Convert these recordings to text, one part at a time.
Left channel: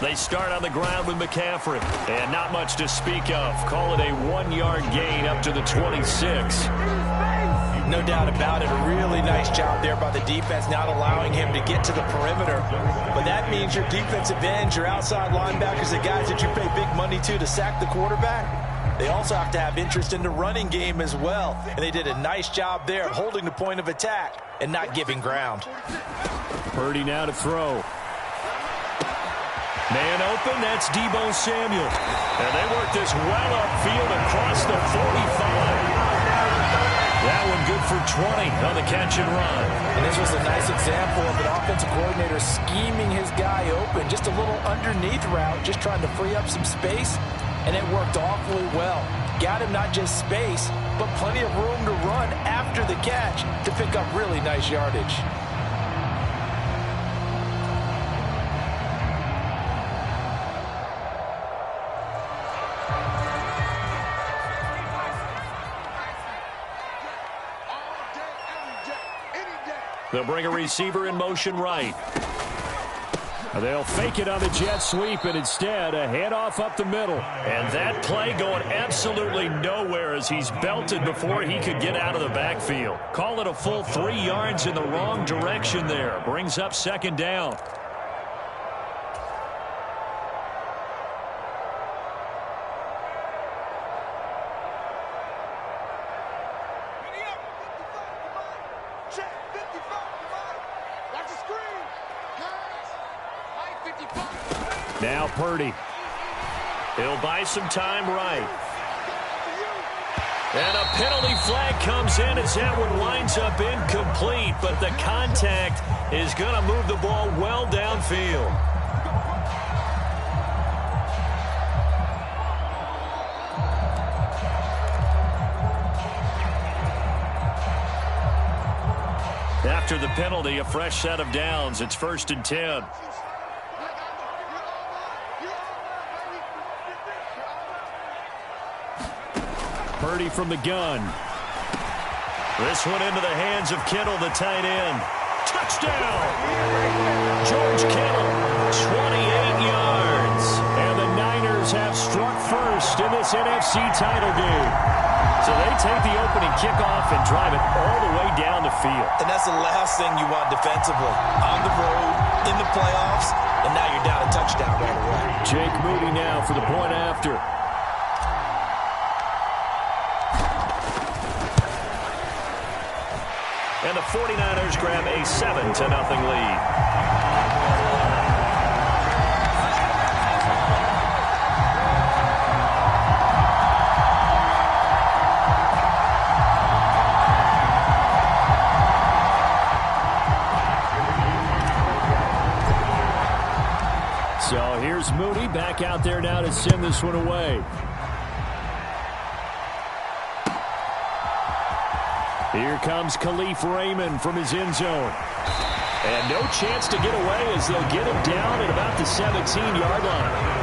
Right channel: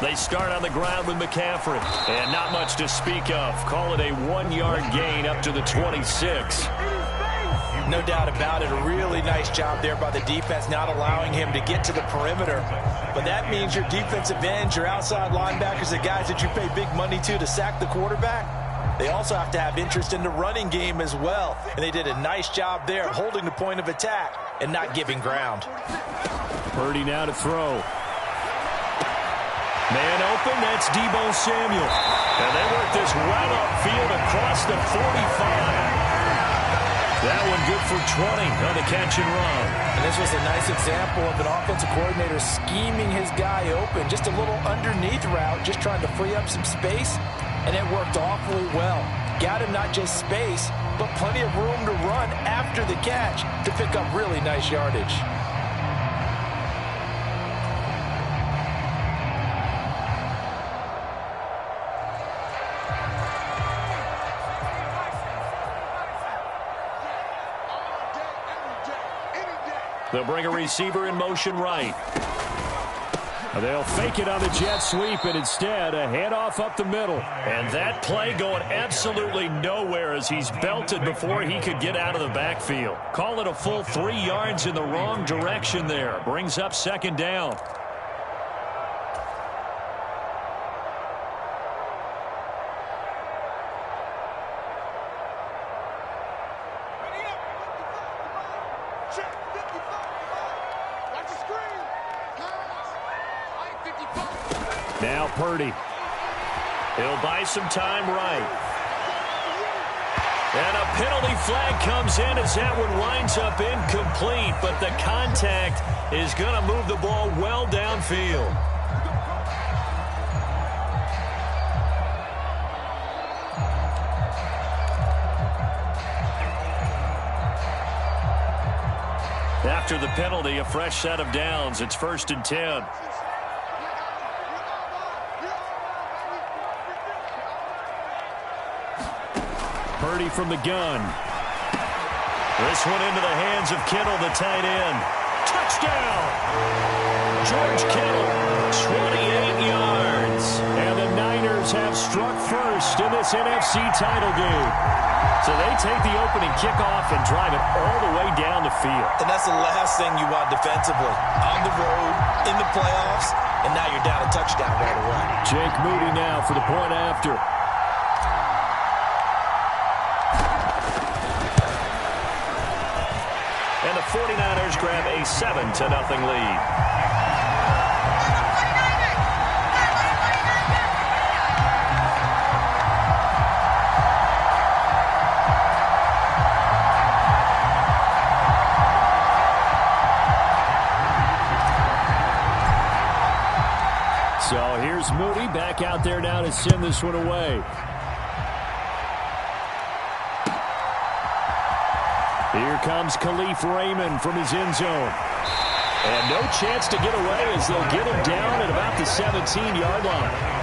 They start on the ground with McCaffrey. And not much to speak of. Call it a 1-yard gain up to the 26. No doubt about it. A really nice job there by the defense, not allowing him to get to the perimeter. But that means your defensive ends, your outside linebackers, the guys that you pay big money to sack the quarterback, they also have to have interest in the running game as well. And they did a nice job there holding the point of attack and not giving ground. Purdy now to throw. Man open, that's Deebo Samuel. And they work this well upfield across the 45. That one good for 20 on the catch and run. And this was a nice example of an offensive coordinator scheming his guy open. Just a little underneath route, just trying to free up some space. And it worked awfully well. Got him not just space, but plenty of room to run after the catch to pick up really nice yardage. They'll bring a receiver in motion right. They'll fake it on the jet sweep, and instead a handoff up the middle. And that play going absolutely nowhere as he's belted before he could get out of the backfield. Call it a full 3 yards in the wrong direction there. Brings up second down. Now Purdy. He'll buy some time right. And a penalty flag comes in as that one winds up incomplete, but the contact is going to move the ball well downfield. After the penalty, a fresh set of downs. It's 1st and 10. Purdy from the gun. This one into the hands of Kittle, the tight end. Touchdown! George Kittle, 28 yards. And the Niners have struck first in this NFC title game. So they take the opening kickoff and drive it all the way down the field. And that's the last thing you want defensively. On the road, in the playoffs, and now you're down a touchdown right away. Jake Moody now for the point after. And the 49ers grab a 7-0 lead. So here's Moody back out there now to send this one away. Here comes Khalif Raymond from his end zone. And no chance to get away as they'll get him down at about the 17-yard line.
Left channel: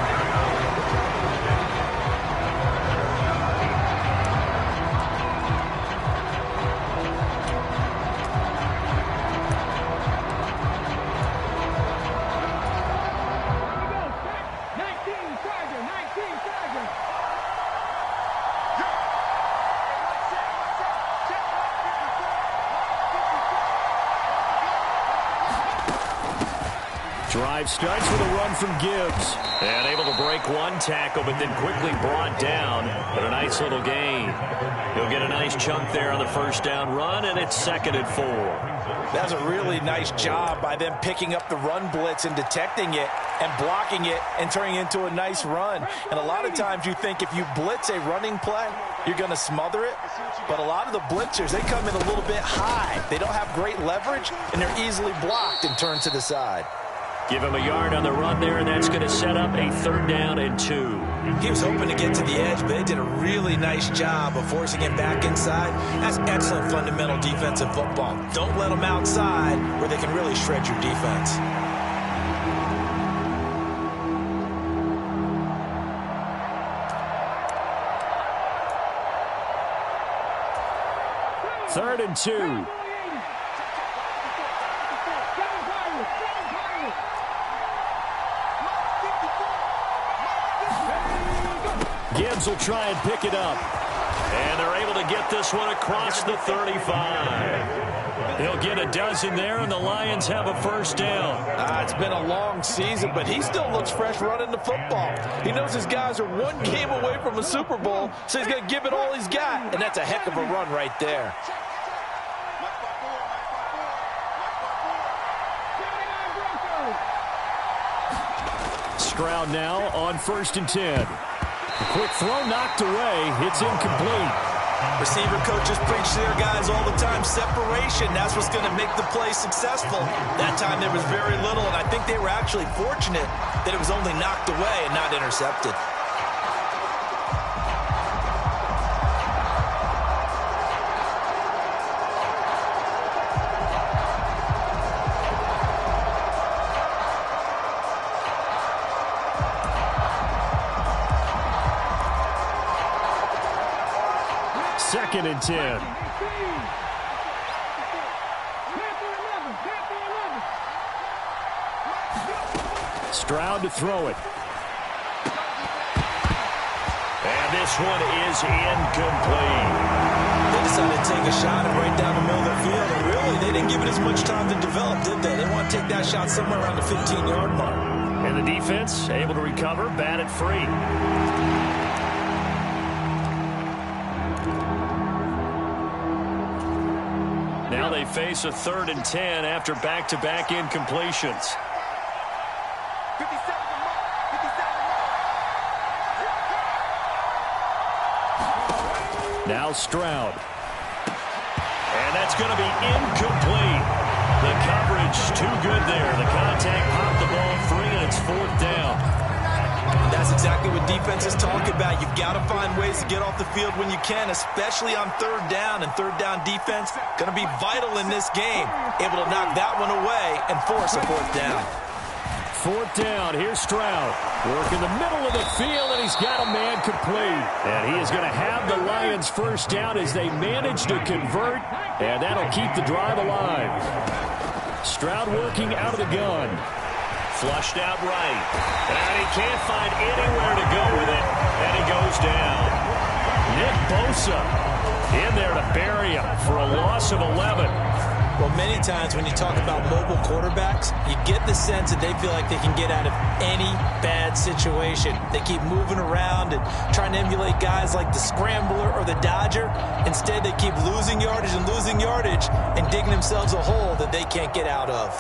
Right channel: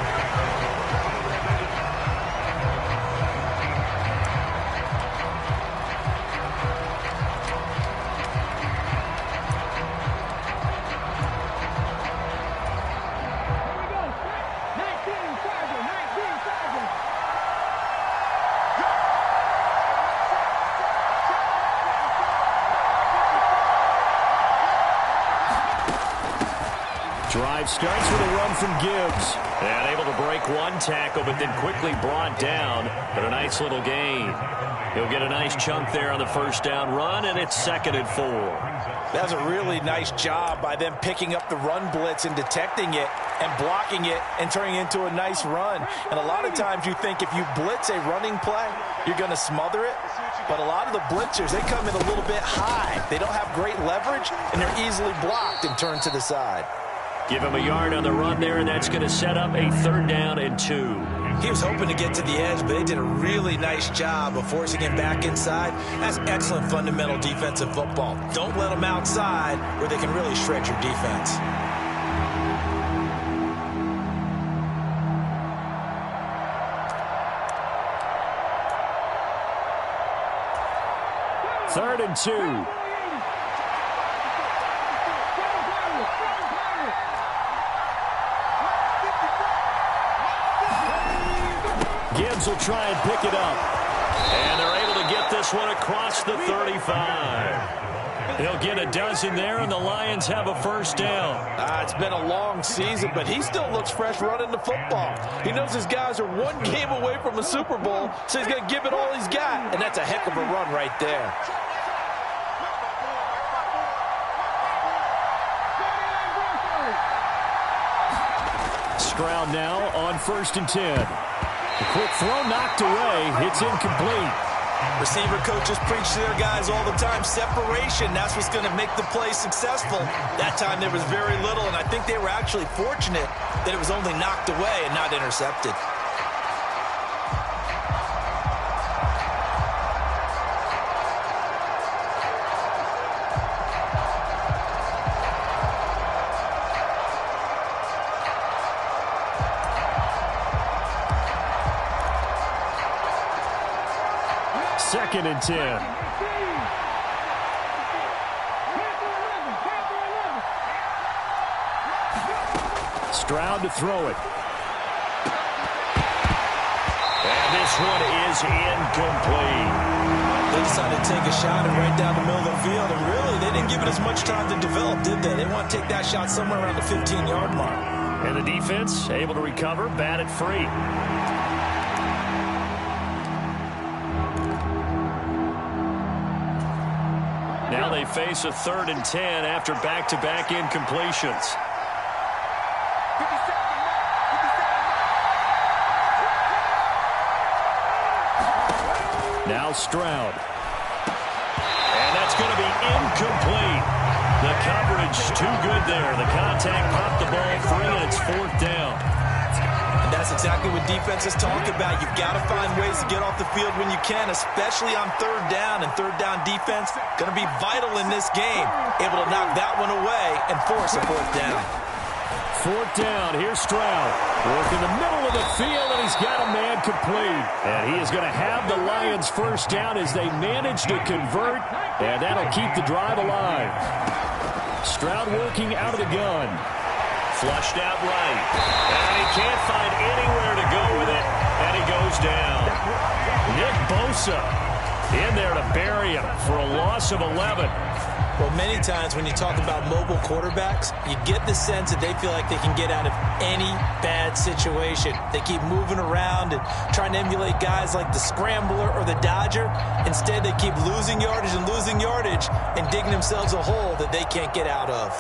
Drive starts with a run from Gibbs. And able to break one tackle, but then quickly brought down. But a nice little gain. He'll get a nice chunk there on the first down run, and it's 2nd and 4. That was a really nice job by them picking up the run blitz and detecting it and blocking it and turning it into a nice run. And a lot of times you think if you blitz a running play, you're going to smother it. But a lot of the blitzers, they come in a little bit high. They don't have great leverage, and they're easily blocked and turned to the side. Give him a yard on the run there, and that's going to set up a 3rd down and 2. He was hoping to get to the edge, but they did a really nice job of forcing him back inside. That's excellent fundamental defensive football. Don't let them outside where they can really shred your defense. Third and 2. Gibbs will try and pick it up. And they're able to get this one across the 35. He'll get a dozen there, and the Lions have a first down. It's been a long season, but he still looks fresh running the football. He knows his guys are one game away from a Super Bowl, so he's going to give it all he's got, and that's a heck of a run right there. Stroud now on 1st and 10. A quick throw knocked away. It's incomplete. Receiver coaches preach to their guys all the time. Separation, that's what's going to make the play successful. That time there was very little, and I think they were actually fortunate that it was only knocked away and not intercepted. Second and 10. Stroud to throw it. And this one is incomplete. They decided to take a shot and right down the middle of the field, and really they didn't give it as much time to develop, did they? They want to take that shot somewhere around the 15-yard mark. And the defense able to recover, bat it free. Now they face a 3rd and 10 after back-to-back incompletions. Now Stroud. And that's going to be incomplete. The coverage too good there. The contact popped the ball free, and it's 4th down. And that's exactly what defenses talk about. You've got to find ways to get off the field when you can, especially on 3rd down. And 3rd down defense going to be vital in this game. Able to knock that one away and force a 4th down. 4th down. Here's Stroud. Working the middle of the field, and he's got a man complete. And he is going to have the Lions first down as they manage to convert, and that'll keep the drive alive. Stroud working out of the gun. Flushed out right. And he can't find anywhere to go with it, and he goes down. Nick Bosa in there to bury him for a loss of 11. Well, many times when you talk about mobile quarterbacks, you get the sense that they feel like they can get out of any bad situation. They keep moving around and trying to emulate guys like the Scrambler or the Dodger. Instead, they keep losing yardage and digging themselves a hole that they can't get out of.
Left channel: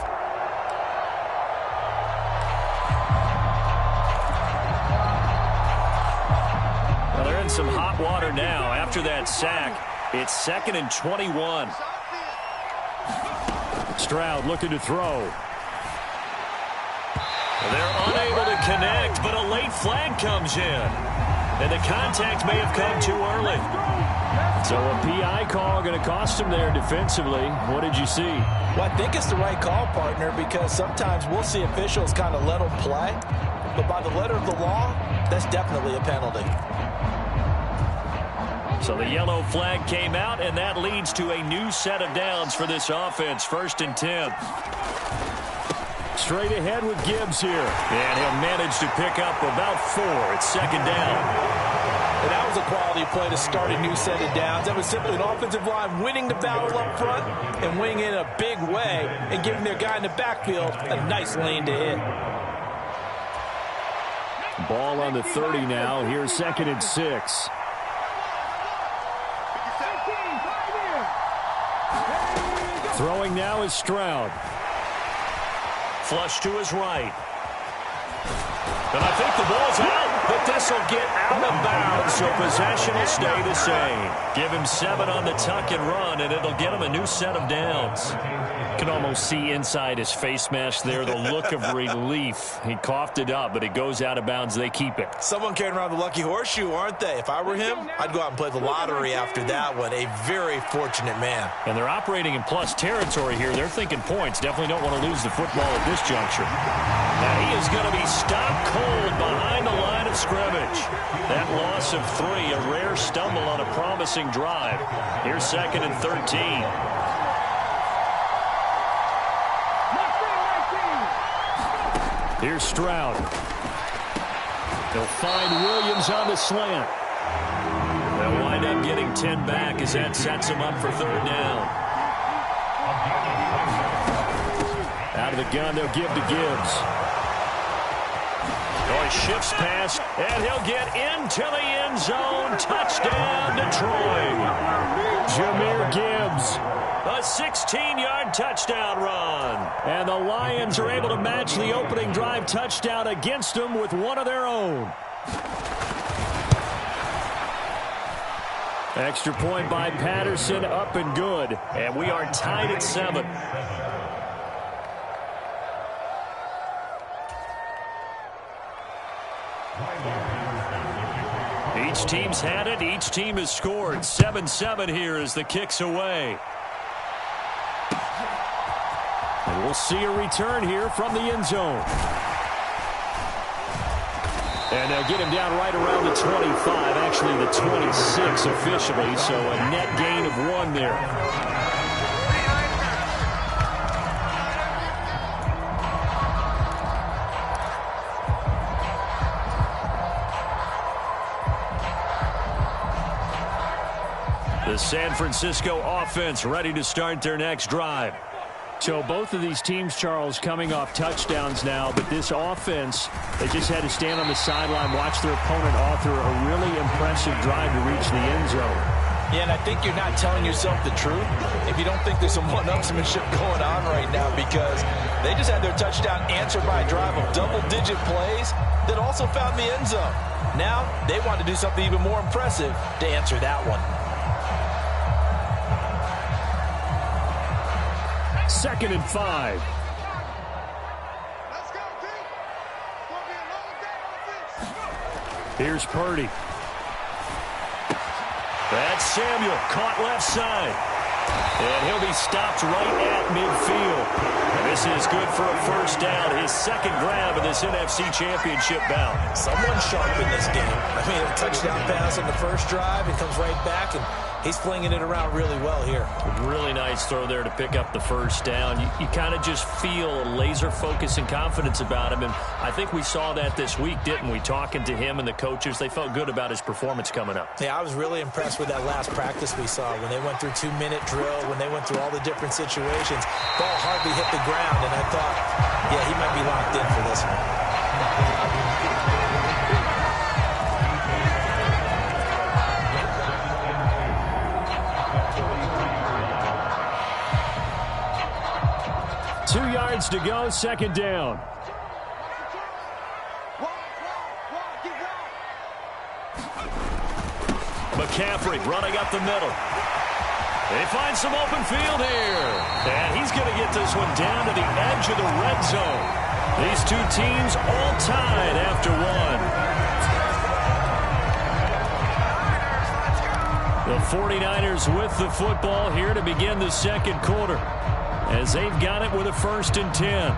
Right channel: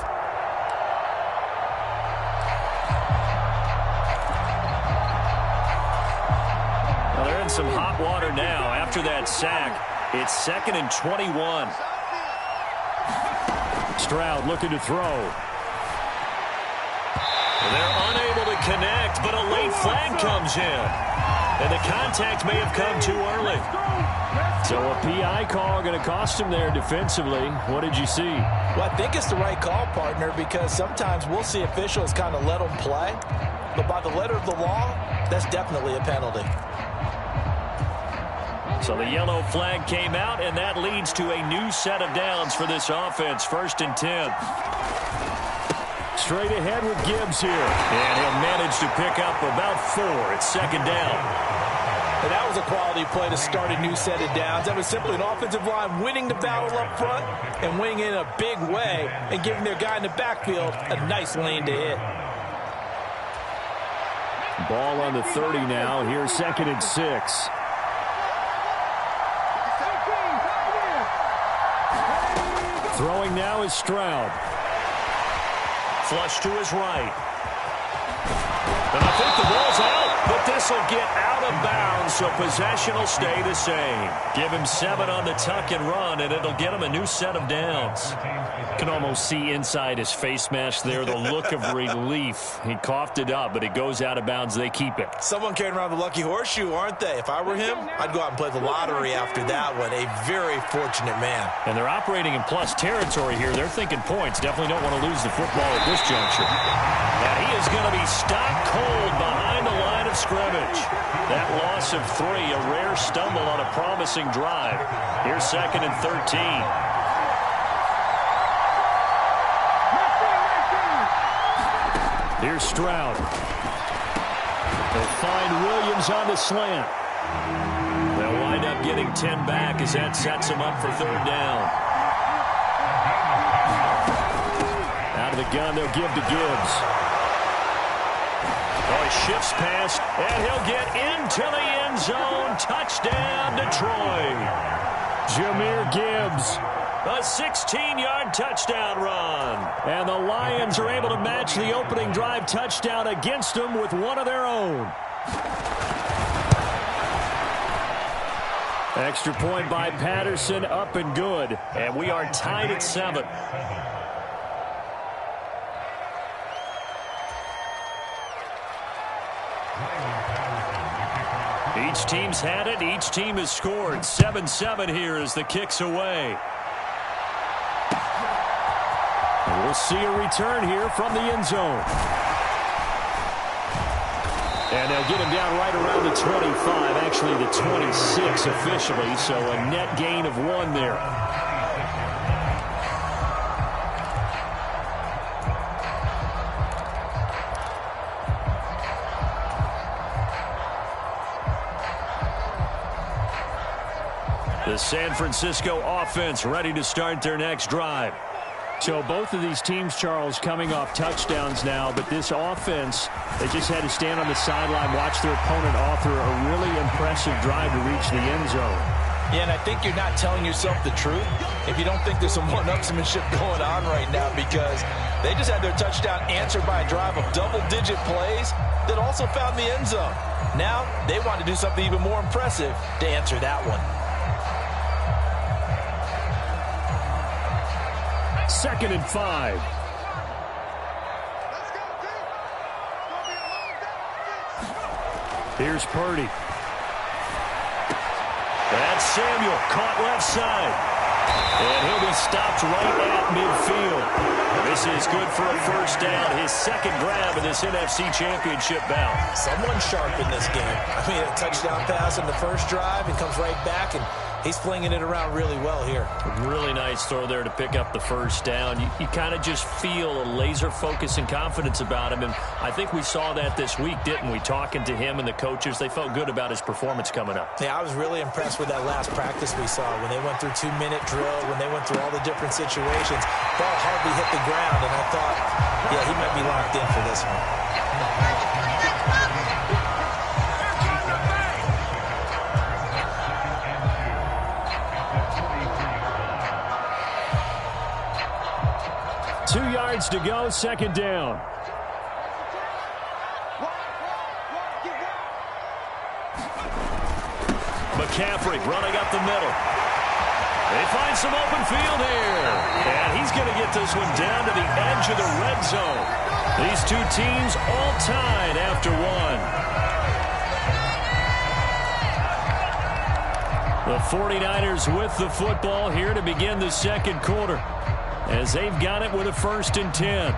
Well, they're in some hot water now. After that sack, it's 2nd and 21. Stroud looking to throw. They're unable to connect, but a late flag comes in. And the contact may have come too early. So a PI call going to cost him there defensively. What did you see? Well, I think it's the right call, partner, because sometimes we'll see officials kind of let them play. But by the letter of the law, that's definitely a penalty. So the yellow flag came out, and that leads to a new set of downs for this offense. 1st and 10. Straight ahead with Gibbs here. And he'll manage to pick up about 4. It's 2nd down. And that was a quality play to start a new set of downs. That was simply an offensive line winning the battle up front and winning in a big way and giving their guy in the backfield a nice lane to hit. Ball on the 30 now. Here's 2nd and 6. Throwing now is Stroud. Flush to his right. And I think the ball's out, but this will get out of bounds, so possession will stay the same. Give him 7 on the tuck and run, and it'll get him a new set of downs. You can almost see inside his face mask there the look of relief. He coughed it up, but it goes out of bounds. They keep it. Someone carrying around the lucky horseshoe, aren't they? If I were him, I'd go out and play the lottery after that one. A very fortunate man. And they're operating in plus territory here. They're thinking points. Definitely don't want to lose the football at this juncture. And he is going to be stopped cold behind the line of scrimmage. That loss of 3, a rare stumble on a promising drive. Here's 2nd and 13. Here's Stroud. He'll find Williams Williams on the slant. They'll wind up getting 10 back as that sets them up for third down. Out of the gun, they'll give to Gibbs. Oh, he shifts past, and he'll get into the end zone. Touchdown, Detroit. Jahmyr Gibbs. A 16-yard touchdown run. And the Lions are able to match the opening drive touchdown against them with one of their own. Extra point by Patterson, up and good. And we are tied at 7. Each team's had it. Each team has scored. 7-7 here as the kick's away. And we'll see a return here from the end zone. And they'll get him down right around the 25, actually the 26 officially, so a net gain of 1 there. The San Francisco offense ready to start their next drive. So both of these teams, Charles, coming off touchdowns now, but this offense, they just had to stand on the sideline, watch their opponent author a really impressive drive to reach the end zone. Yeah, and I think you're not telling yourself the truth if you don't think there's some one-upsmanship going on right now, because they just had their touchdown answered by a drive of double-digit plays that also found the end zone. Now they want to do something even more impressive to answer that one. 2nd and 5. Let's go, team. It's going to be a long day. Here's Purdy. That's Samuel, caught left side. And he'll be stopped right at midfield. And this is good for a first down. His second grab in this NFC Championship bout. Someone sharp in this game. I mean, a touchdown pass on the first drive and comes right back, and he's flinging it around really well here. Really nice throw there to pick up the first down. You kind of just feel a laser focus and confidence about him, and I think we saw that this week, didn't we? Talking to him and the coaches, they felt good about his performance coming up. Yeah, I was really impressed with that last practice we saw when they went through 2-minute drill, when they went through all the different situations. Ball hardly hit the ground, and I thought, yeah, he might be locked in for this one. 2 yards to go, second down. McCaffrey running up the middle. They find some open field here. And he's going to get this one down to the edge of the red zone. These two teams all tied after 1. The 49ers with the football here to begin the second quarter, as they've got it with a 1st and 10.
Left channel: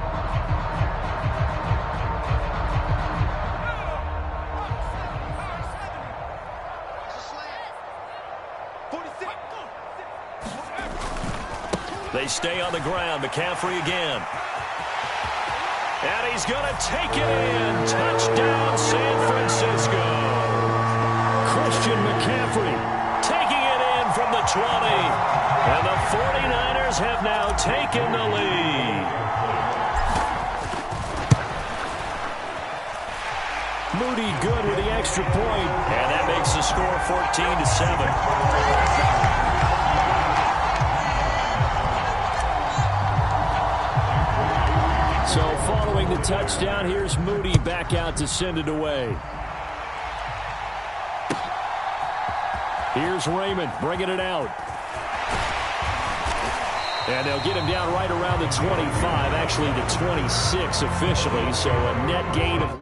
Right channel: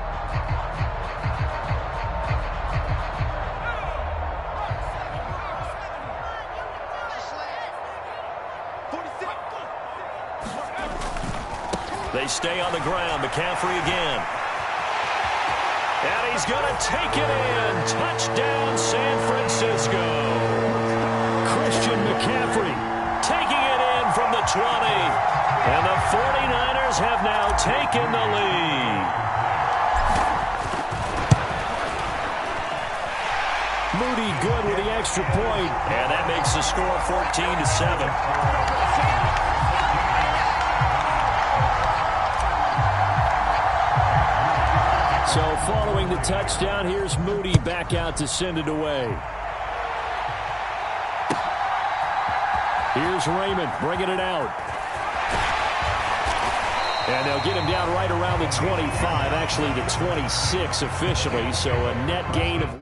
They stay on the ground. McCaffrey again. And he's going to take it in. Touchdown, San Francisco. Christian McCaffrey taking it in from the 20. And the 49ers have now taken the lead. Moody good with the extra point. And that makes the score 14-7. So following the touchdown, here's Moody back out to send it away. Here's Raymond bringing it out. And they'll get him down right around the 25, actually the 26 officially, so a net gain of...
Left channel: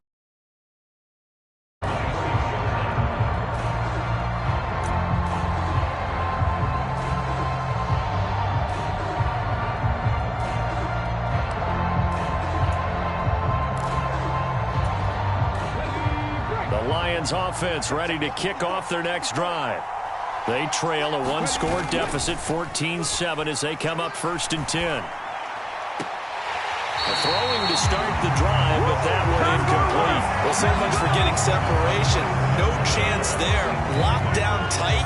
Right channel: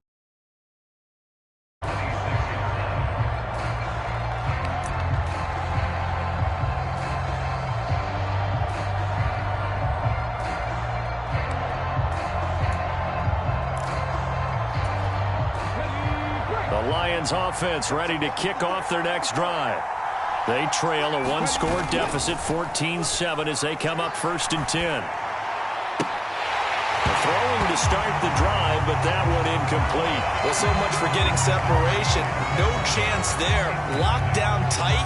The Lions offense ready to kick off their next drive. They trail a one-score deficit, 14-7, as they come up 1st and 10. Throwing to start the drive, but that one incomplete. Well, so much for getting separation. No chance there. Locked down tight,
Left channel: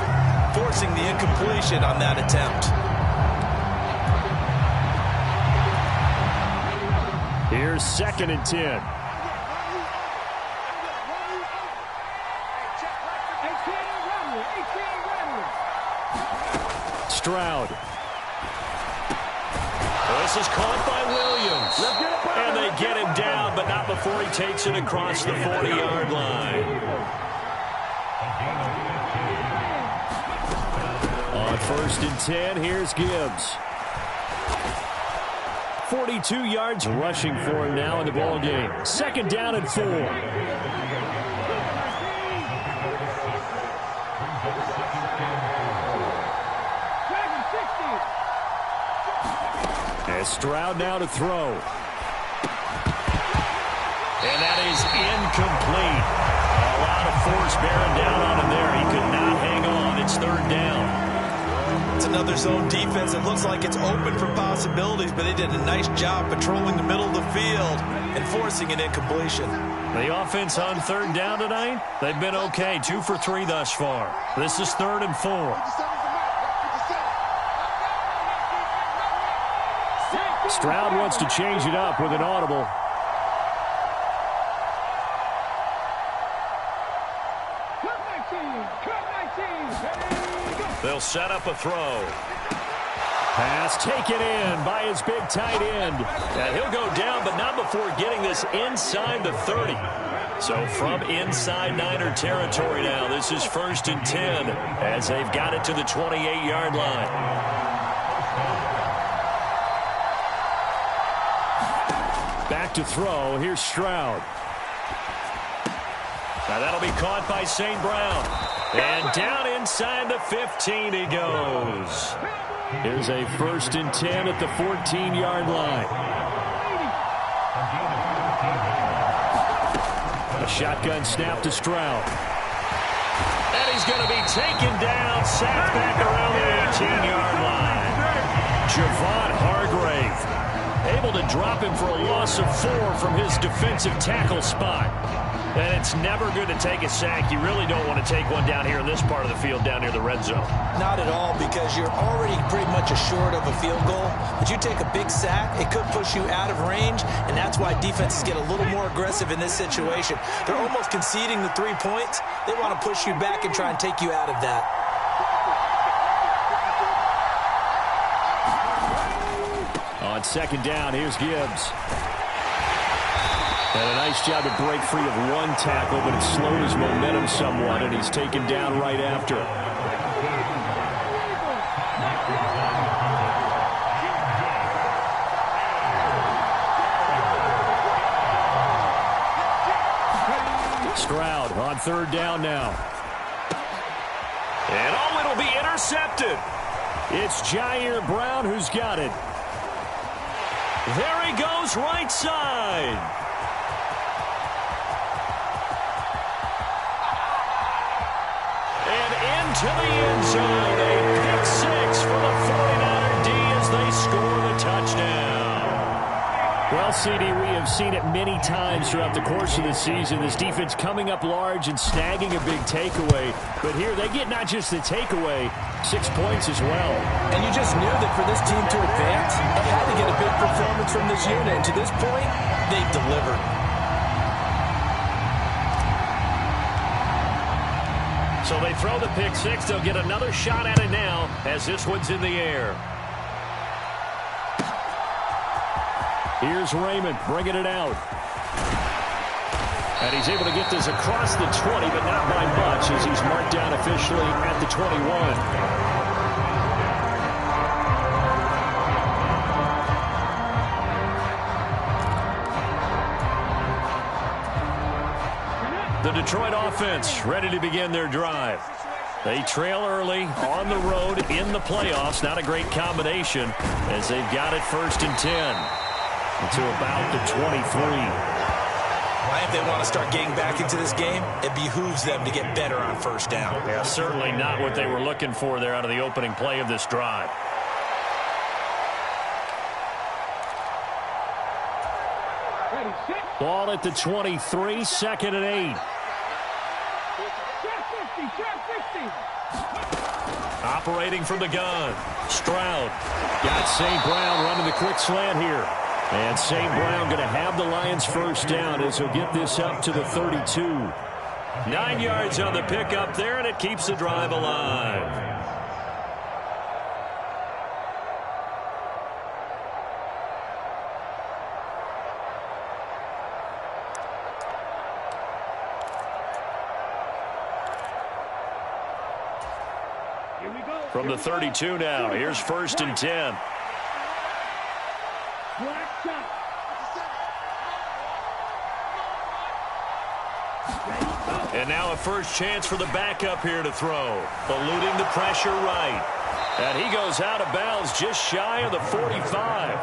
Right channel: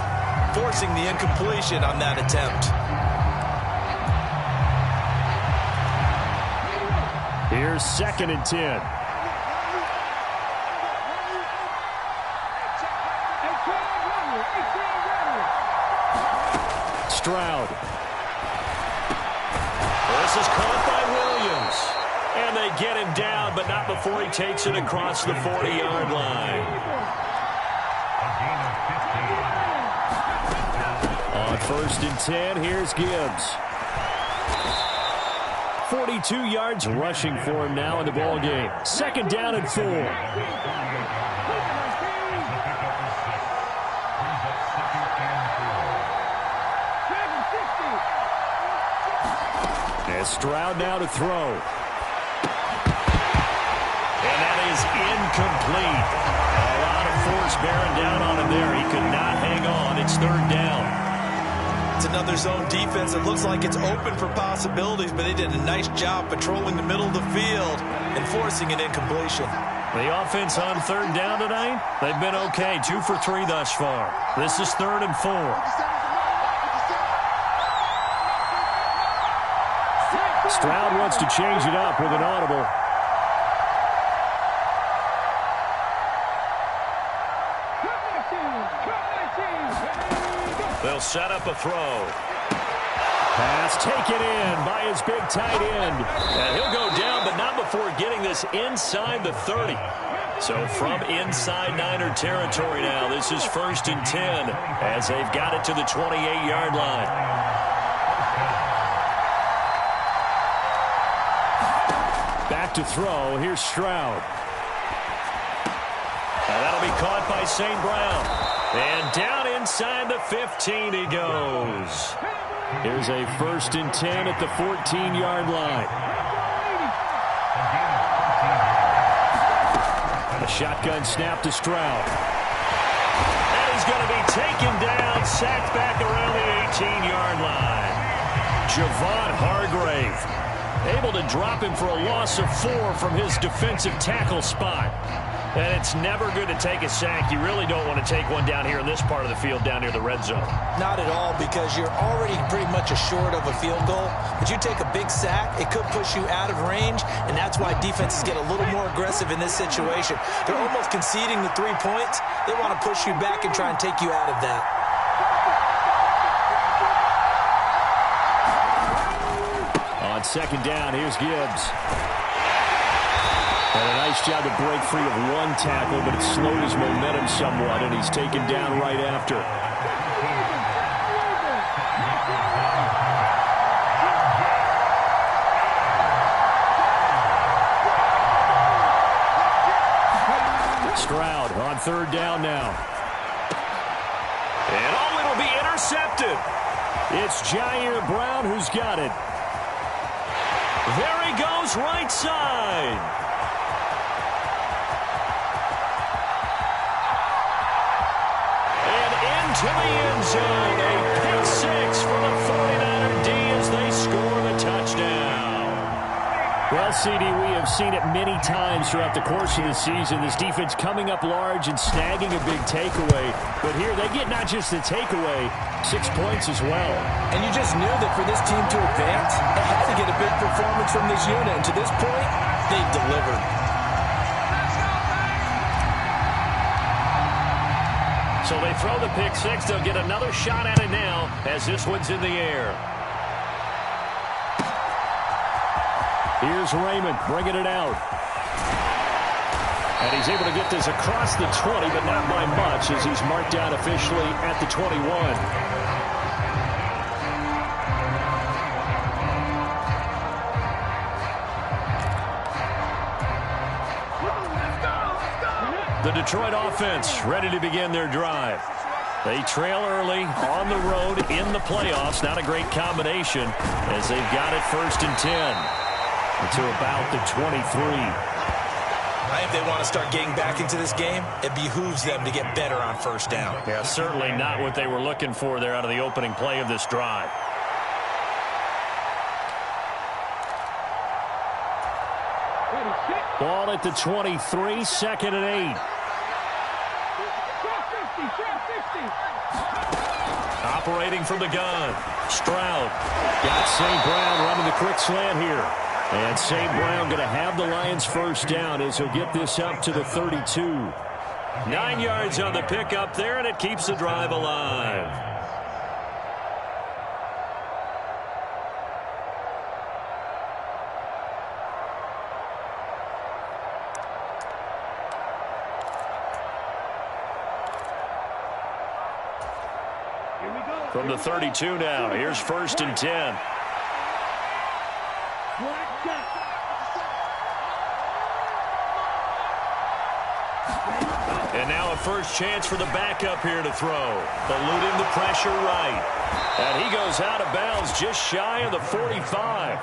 forcing the incompletion on that attempt. Here's 2nd and 10. Stroud. This is caught by Williams. And they get him down, but not before he takes it across the 40-yard line. On 1st and 10, here's Gibbs. 42 yards rushing for him now in the ball game. 2nd down and 4. As Stroud now to throw. And that is incomplete. A lot of force bearing down on him there. He could not hang on. It's 3rd down. It's another zone defense. It looks like it's open for possibilities, but they did a nice job patrolling the middle of the field and forcing an incompletion. The offense on 3rd down tonight, they've been okay. 2 for 3 thus far. This is 3rd and 4. Stroud wants to change it up with an audible. They'll set up a throw. Pass taken in by his big tight end. And he'll go down, but not before getting this inside the 30. So from inside Niner territory now, this is 1st and 10 as they've got it to the 28-yard line. Back to throw. Here's Stroud. Now that'll be caught by St. Brown. And down inside the 15 he goes. Here's a 1st and 10 at the 14-yard line. A shotgun snap to Stroud. And he's going to be taken down, sacked back around the 18-yard line. Javon Hargrave able to him for a loss of 4 from his defensive tackle spot. And it's never good to take a sack. You really don't want to take one down here in this part of the field, down near the red zone. Not at all, because you're already pretty much assured of a field goal. But you take a big sack, it could push you out of range, and that's why defenses get a little more aggressive in this situation. They're almost conceding the 3 points. They want to push you back and try and take you out of that. On 2nd down, here's Gibbs. And a nice job to break free of one tackle, but it slowed his momentum somewhat, and he's taken down right after. Stroud on 3rd down now. And oh, it'll be intercepted. It's Jair Brown who's got it. There he goes, right side. And into the end zone. A pick 6 for the 49er D as they score the touchdown. Well, CD, we have seen it many times throughout the course of the season. This defense coming up large and snagging a big takeaway. But here they get not just the takeaway, 6 points as well. And you just knew that for this team to advance, it had to get a big performance from this unit. And to this point, they've delivered. So they throw the pick 6. They'll get another shot at it now as this one's in the air. Here's Raymond bringing it out. And he's able to get this across the 20, but not by much as he's marked down officially at the 21. The Detroit offense ready to begin their drive. They trail early on the road in the playoffs. Not a great combination as they've got it 1st and 10 to about the 23. If they want to start getting back into this game, it behooves them to get better on 1st down. Yeah, certainly not what they were looking for there out of the opening play of this drive. Ball at the 23, second and 8. Operating from the gun. Stroud got St. Brown running the quick slant here. And St. Brown going to have the Lions first down as he'll get this up to the 32. 9 yards on the pickup there, and it keeps the drive alive. From the 32 now, here's first and 10. And now a first chance for the backup here to throw. Eluding the pressure right. And he goes out of bounds just shy of the 45.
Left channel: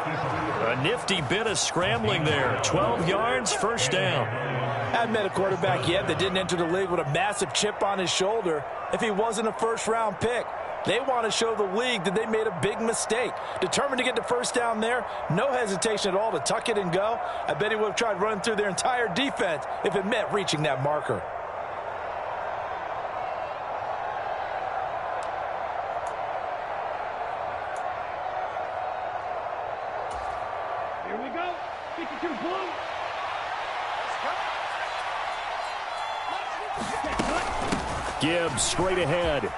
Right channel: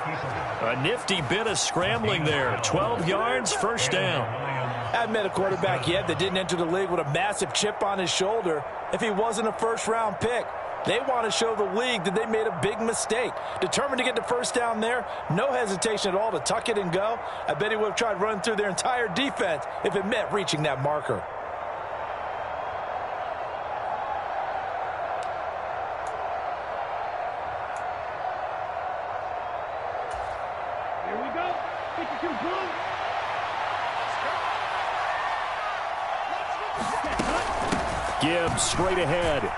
A nifty bit of scrambling there. 12 yards, first down. I haven't met a quarterback yet that didn't enter the league with a massive chip on his shoulder if he wasn't a first-round pick. They want to show the league that they made a big mistake. Determined to get the first down there. No hesitation at all to tuck it and go. I bet he would have tried running through their entire defense if it meant reaching that marker. Here we go. 52 blue. Let's go. Gibbs straight ahead.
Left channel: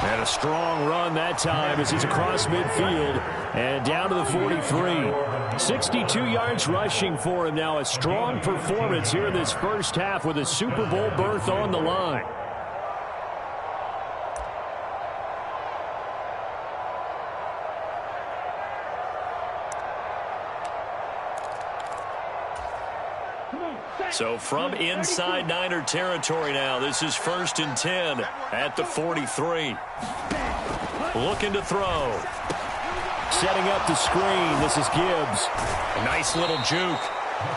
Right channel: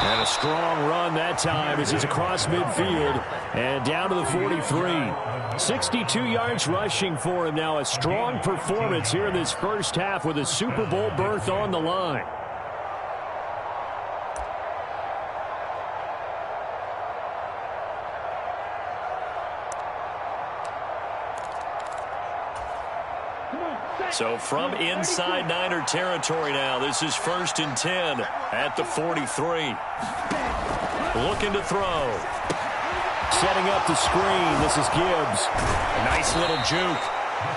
And a strong run that time as he's across midfield and down to the 43. 62 yards rushing for him now. A strong performance here in this first half with a Super Bowl berth on the line. So from inside Niner territory now, this is first and 10 at the 43. Looking to throw. Setting up the screen. This is Gibbs. A nice little juke.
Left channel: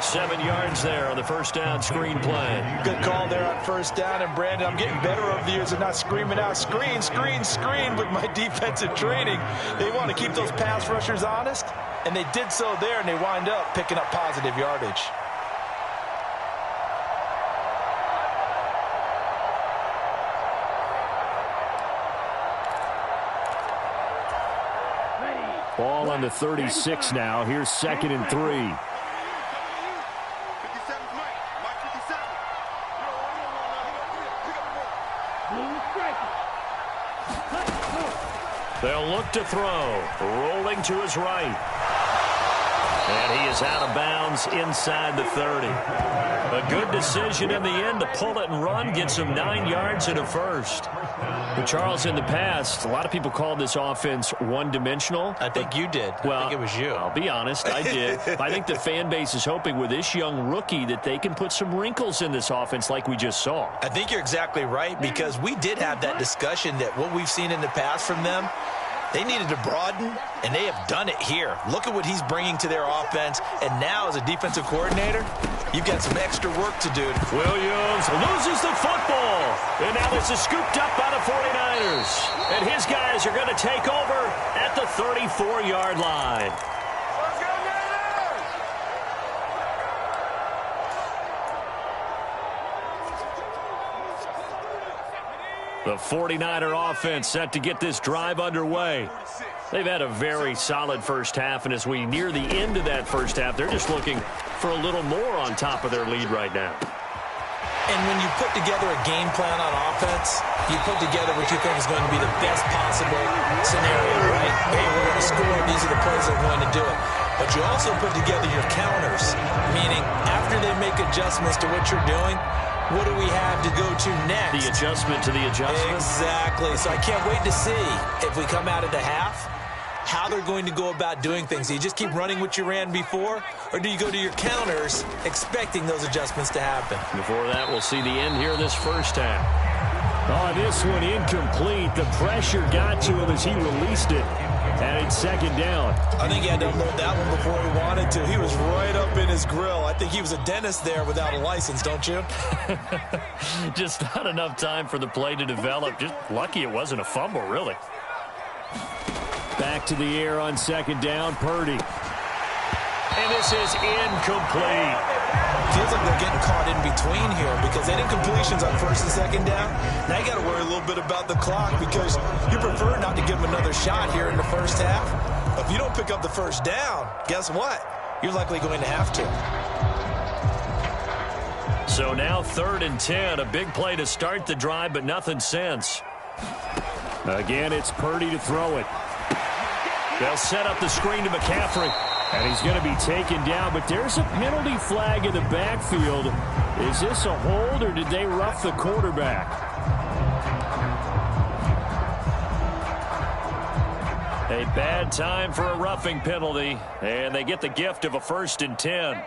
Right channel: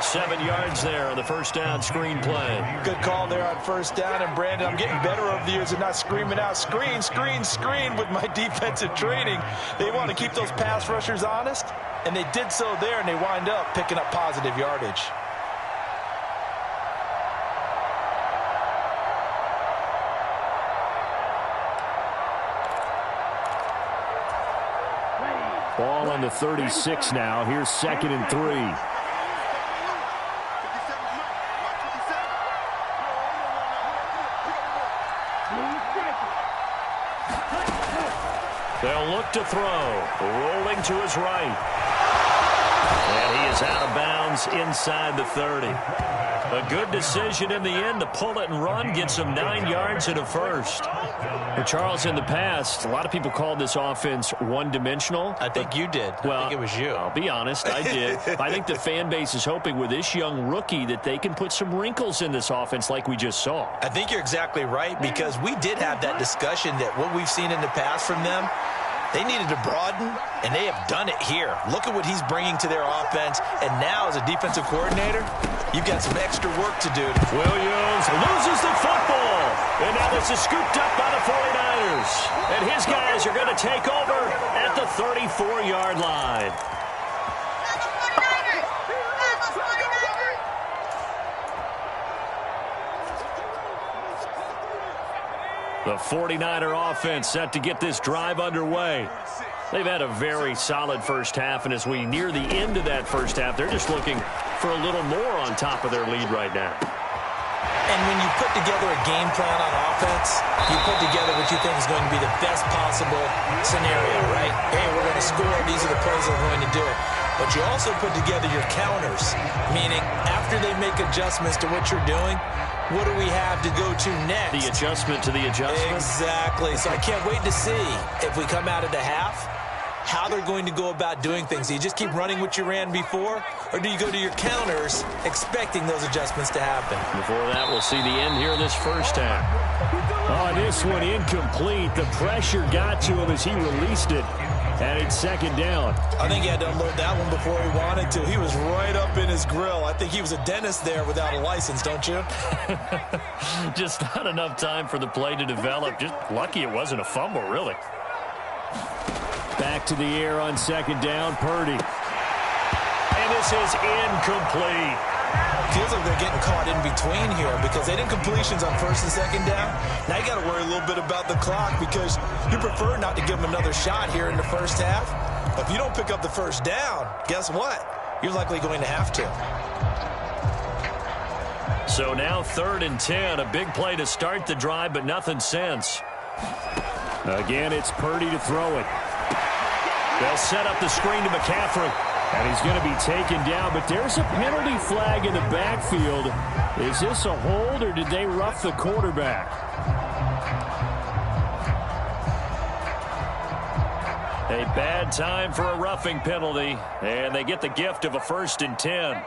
7 yards there on the first down screen play. Good call there on first down. And, Brandon, I'm getting better over the years of not screaming out, screen, screen, screen with my defensive training. They want to keep those pass rushers honest, and they did so there, and they wind up picking up positive yardage. Ball on the 36 now. Here's second and 3. They'll look to throw. Rolling to his right. And he is out of bounds inside the 30. A good decision in the end to pull it and run. Get some 9 yards and a first. But Charles, in the past, a lot of people called this offense one-dimensional. I think you did. Well, I think it was you. I'll be honest, I did. I think the fan base is hoping with this young rookie that they can put some wrinkles in this offense like we just saw. I think you're exactly right, because we did have that discussion that what we've seen in the past from them, they needed to broaden, and they have done it here. Look at what he's bringing to their offense, and now as a defensive coordinator, you've got some extra work to do. Williams loses the football, and now this is scooped up by the 49ers. And his guys are going to take over at the 34-yard line. The 49er offense set to get this drive underway. They've had a very solid first half, and as we near the end of that first half, they're just looking for a little more on top of their lead right now. And when you put together a game plan on offense, you put together what you think is going to be the best possible scenario, right? Hey, we're going to score. These are the plays that are going to do it. But you also put together your counters, meaning after they make adjustments to what you're doing, what do we have to go to next? The adjustment to the adjustment? Exactly. So I can't wait to see if we come out of the half, how they're going to go about doing things. Do you just keep running what you ran before, or do you go to your counters expecting those adjustments to happen? Before that, we'll see the end here in this first half. Oh, this one incomplete. The pressure got to him as he released it. And it's second down. I think he had to unload that one before he wanted to. He was right up in his grill. I think he was a dentist there without a license, don't you? Just not enough time for the play to develop. Just lucky it wasn't a fumble, really. Back to the air on second down, Purdy. And this is incomplete. Feels like they're getting caught in between here because they didn't completions on first and second down. Now you got to worry a little bit about the clock because you prefer not to give them another shot here in the first half. But if you don't pick up the first down, guess what? You're likely going to have to. So now 3rd and 10, a big play to start the drive, but nothing since. Again, it's Purdy to throw it. They'll set up the screen to McCaffrey. And he's going to be taken down, but there's a penalty flag in the backfield. Is this a hold, or did they rough the quarterback? A bad time for a roughing penalty, and they get the gift of a 1st and 10.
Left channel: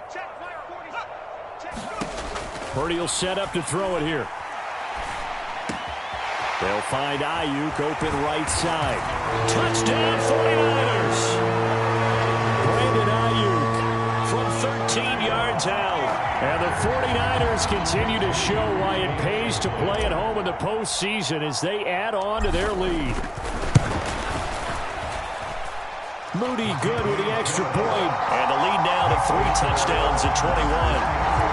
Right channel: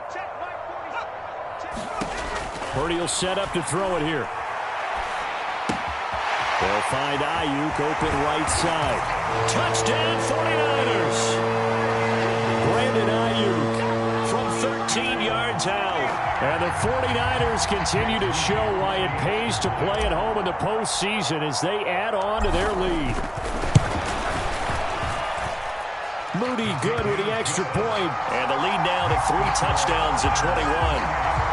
Purdy will set up to throw it here. They'll find Ayuk open right side. Touchdown 49ers! Brandon Ayuk from 13 yards out. And the 49ers continue to show why it pays to play at home in the postseason as they add on to their lead. Moody good with the extra point. And the lead now to 3 touchdowns at 21.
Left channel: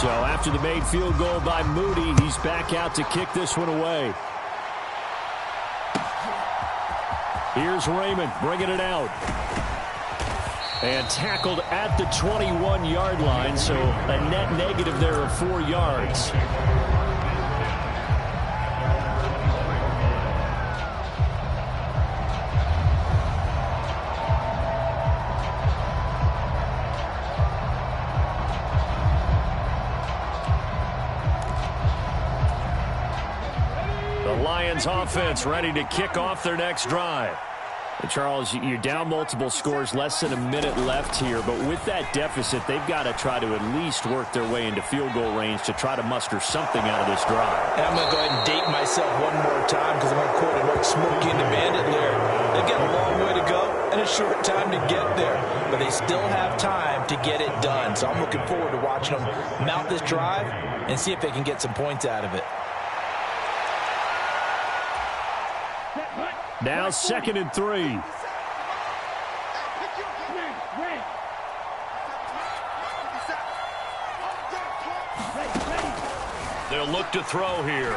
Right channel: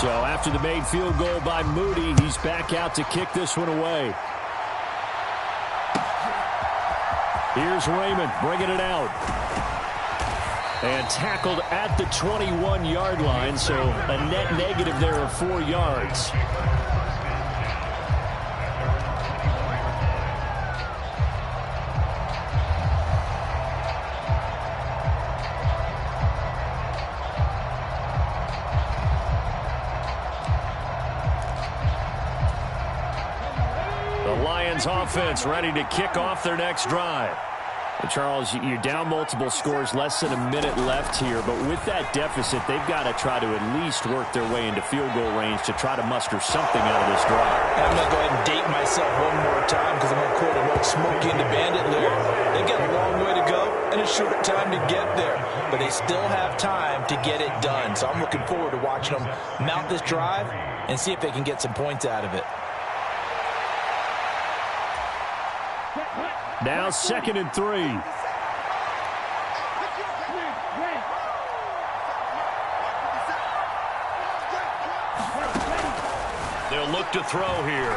So after the made field goal by Moody, he's back out to kick this one away. Here's Raymond bringing it out. And tackled at the 21-yard line, so a net negative there of 4 yards. Lions offense ready to kick off their next drive. And Charles, you're down multiple scores, less than a minute left here, but with that deficit, they've got to try to at least work their way into field goal range to try to muster something out of this drive. And I'm going to go ahead and date myself one more time because I'm going to quote an old Smokey and the Bandit lyric. They've got a long way to go and a short time to get there, but they still have time to get it done. So I'm looking forward to watching them mount this drive and see if they can get some points out of it. Now 2nd and 3. They'll look to throw here.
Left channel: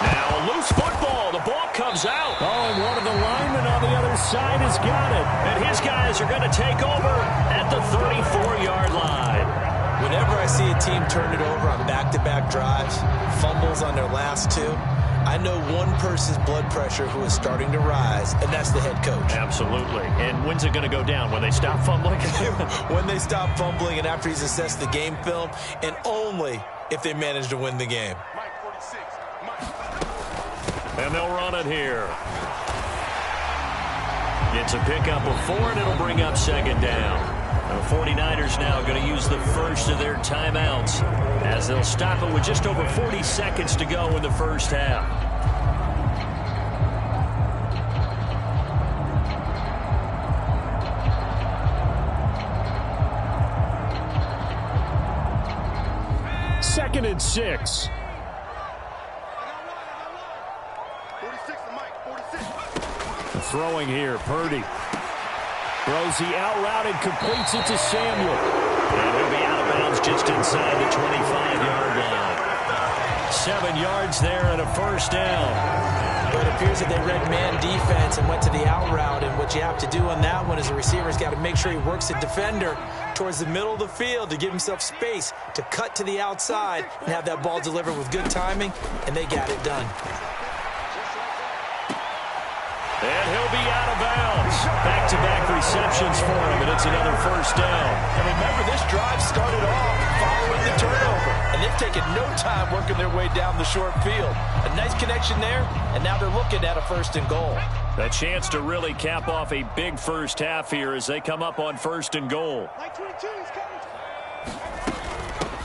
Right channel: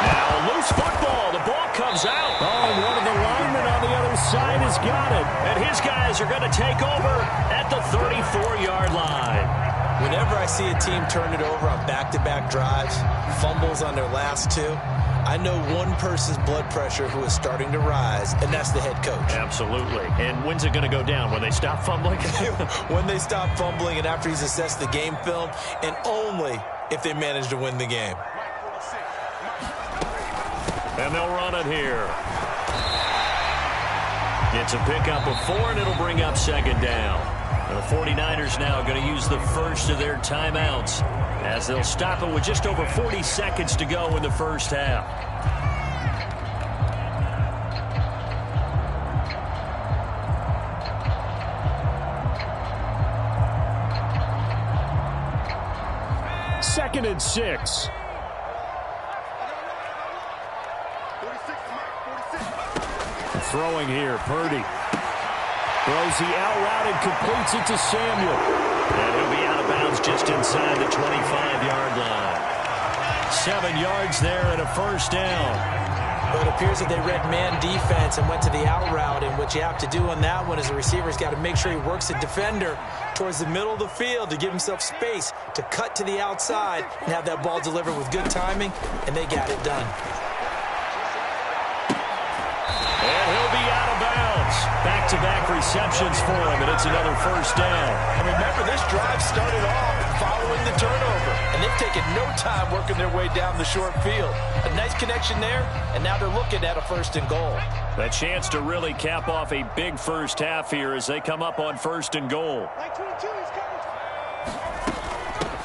Now loose football. The ball comes out. Oh, and one of the linemen on the other side has got it. And his guys are going to take over at the 34-yard line. Whenever I see a team turn it over on back-to-back drives, fumbles on their last 2, I know one person's blood pressure who is starting to rise, and that's the head coach. Absolutely. And when's it going to go down? When they stop fumbling? When they stop fumbling and after he's assessed the game film, and only if they manage to win the game. And they'll run it here. It's a pickup of 4, and it'll bring up 2nd down. And the 49ers now going to use the first of their timeouts as they'll stop it with just over 40 seconds to go in the first half. Second and 6. Throwing here, Purdy. Throws the out route and completes it to Samuel. And he'll be out of bounds just inside the 25-yard line. 7 yards there and a first down. But it appears that they read man defense and went to the out route. And what you have to do on that one is the receiver's got to make sure he works the defender towards the middle of the field to give himself space to cut to the outside and have that ball delivered with good timing. And they got it done. And he'll be out of bounds. Back-to-back receptions for him, and it's another first down. And remember, this drive started off following the turnover, and they've taken no time working their way down the short field. A nice connection there, and now they're looking at a 1st and goal. A chance to really cap off a big first half here as they come up on 1st and goal.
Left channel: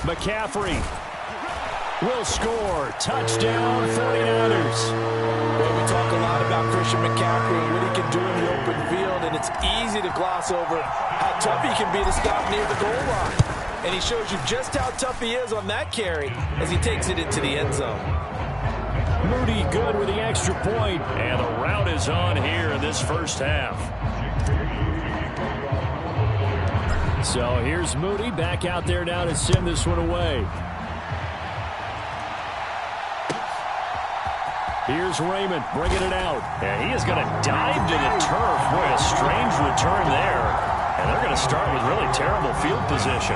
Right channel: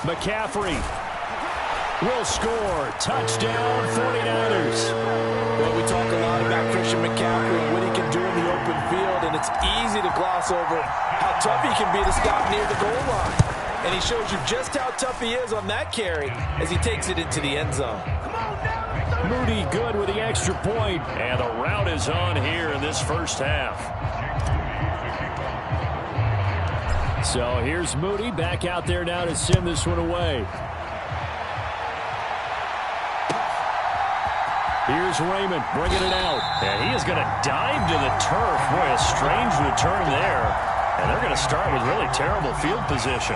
McCaffrey will score. Touchdown, 49ers. Well, we talk a lot about Christian McCaffrey and what he can do in the open field, and it's easy to gloss over how tough he can be to stop near the goal line. And he shows you just how tough he is on that carry as he takes it into the end zone. Moody good with the extra point, and the route is on here in this first half. So here's Moody back out there now to send this one away. Here's Raymond bringing it out. And he is going to dive to the turf. Boy, a strange return there. And they're going to start with really terrible field position.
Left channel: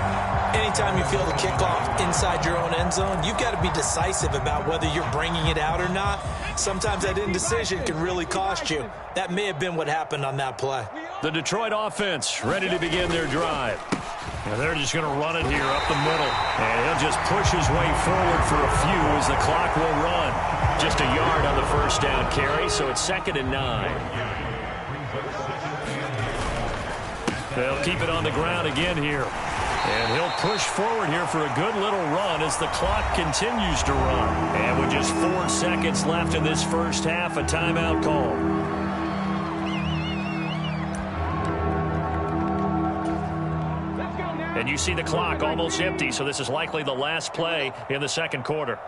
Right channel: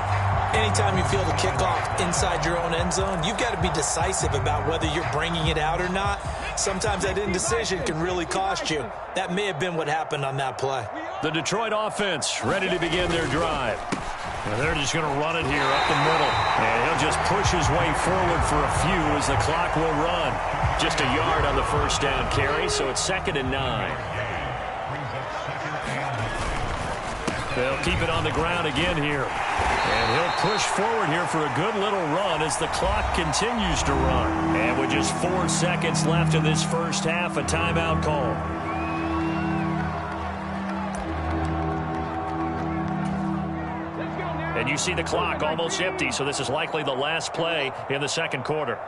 Anytime you feel the kickoff inside your own end zone, you've got to be decisive about whether you're bringing it out or not. Sometimes that indecision can really cost you. That may have been what happened on that play. The Detroit offense ready to begin their drive. And they're just going to run it here up the middle. And he'll just push his way forward for a few as the clock will run. Just a yard on the first down carry, so it's 2nd and 9. They'll keep it on the ground again here. And he'll push forward here for a good little run as the clock continues to run. And with just 4 seconds left in this first half, a timeout call. And you see the clock almost empty, so this is likely the last play in the second quarter.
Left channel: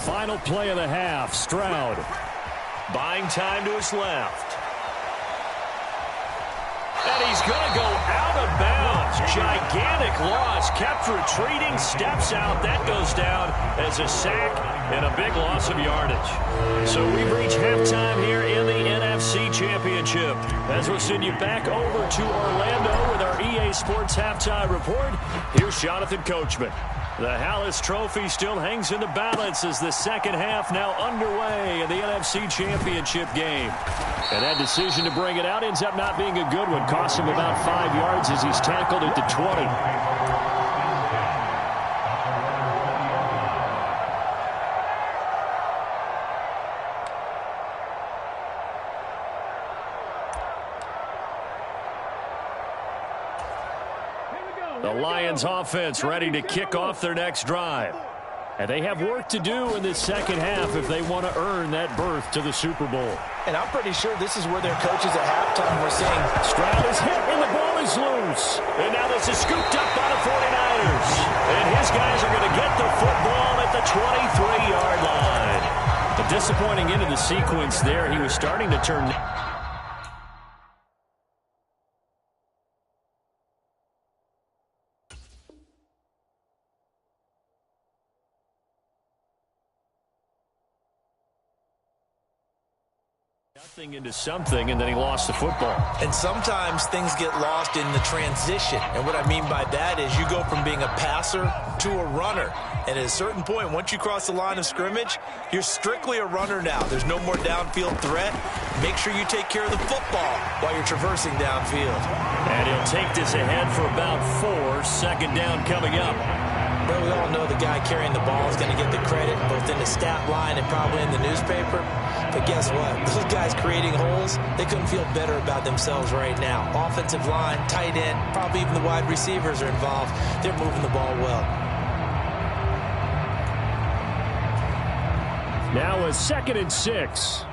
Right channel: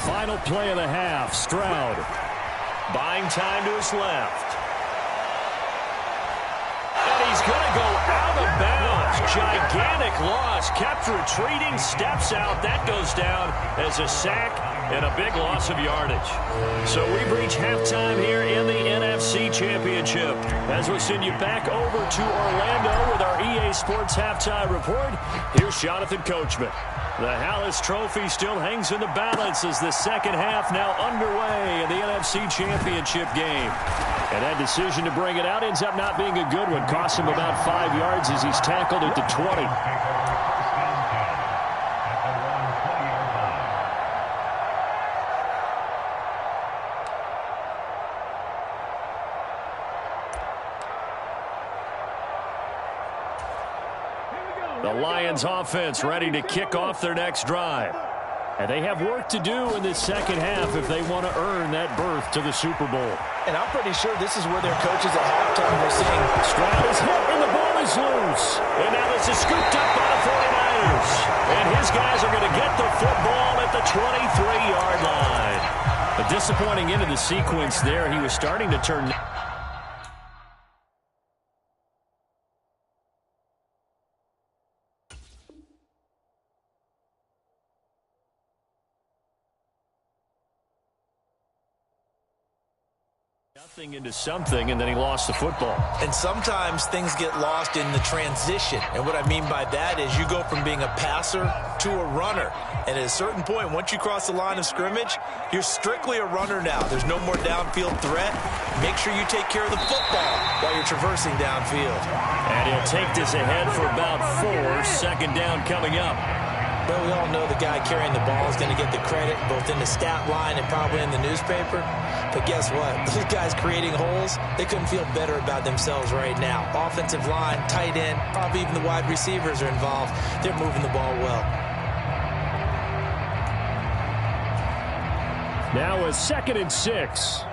Final play of the half, Stroud. Buying time to his left. And he's going to go out of bounds. Gigantic loss. Kept retreating. Steps out. That goes down as a sack and a big loss of yardage. So we've reached halftime here in the NFC Championship. As we'll send you back over to Orlando with our EA Sports Halftime Report, here's Jonathan Coachman. The Hallis Trophy still hangs in the balance as the second half now underway in the NFC Championship game. And that decision to bring it out ends up not being a good one. Costs him about 5 yards as he's tackled at the 20. The Lions offense ready to kick off their next drive. And they have work to do in this second half if they want to earn that berth to the Super Bowl. And I'm pretty sure this is where their coaches at halftime were saying, Stroud is hit and the ball is loose. And now this is scooped up by the 49ers. And his guys are going to get the football at the 23-yard line. A disappointing end of the sequence there. He was starting to turn... nothing into something, and then he lost the football. And sometimes things get lost in the transition. And what I mean by that is you go from being a passer to a runner. And at a certain point, once you cross the line of scrimmage, you're strictly a runner now. There's no more downfield threat. Make sure you take care of the football while you're traversing downfield. And he'll take this ahead for about 4. Second down coming up. Well, we all know the guy carrying the ball is going to get the credit both in the stat line and probably in the newspaper. But guess what? Those guys creating holes, they couldn't feel better about themselves right now. Offensive line, tight end, probably even the wide receivers are involved. They're moving the ball well. Now a 2nd and 6.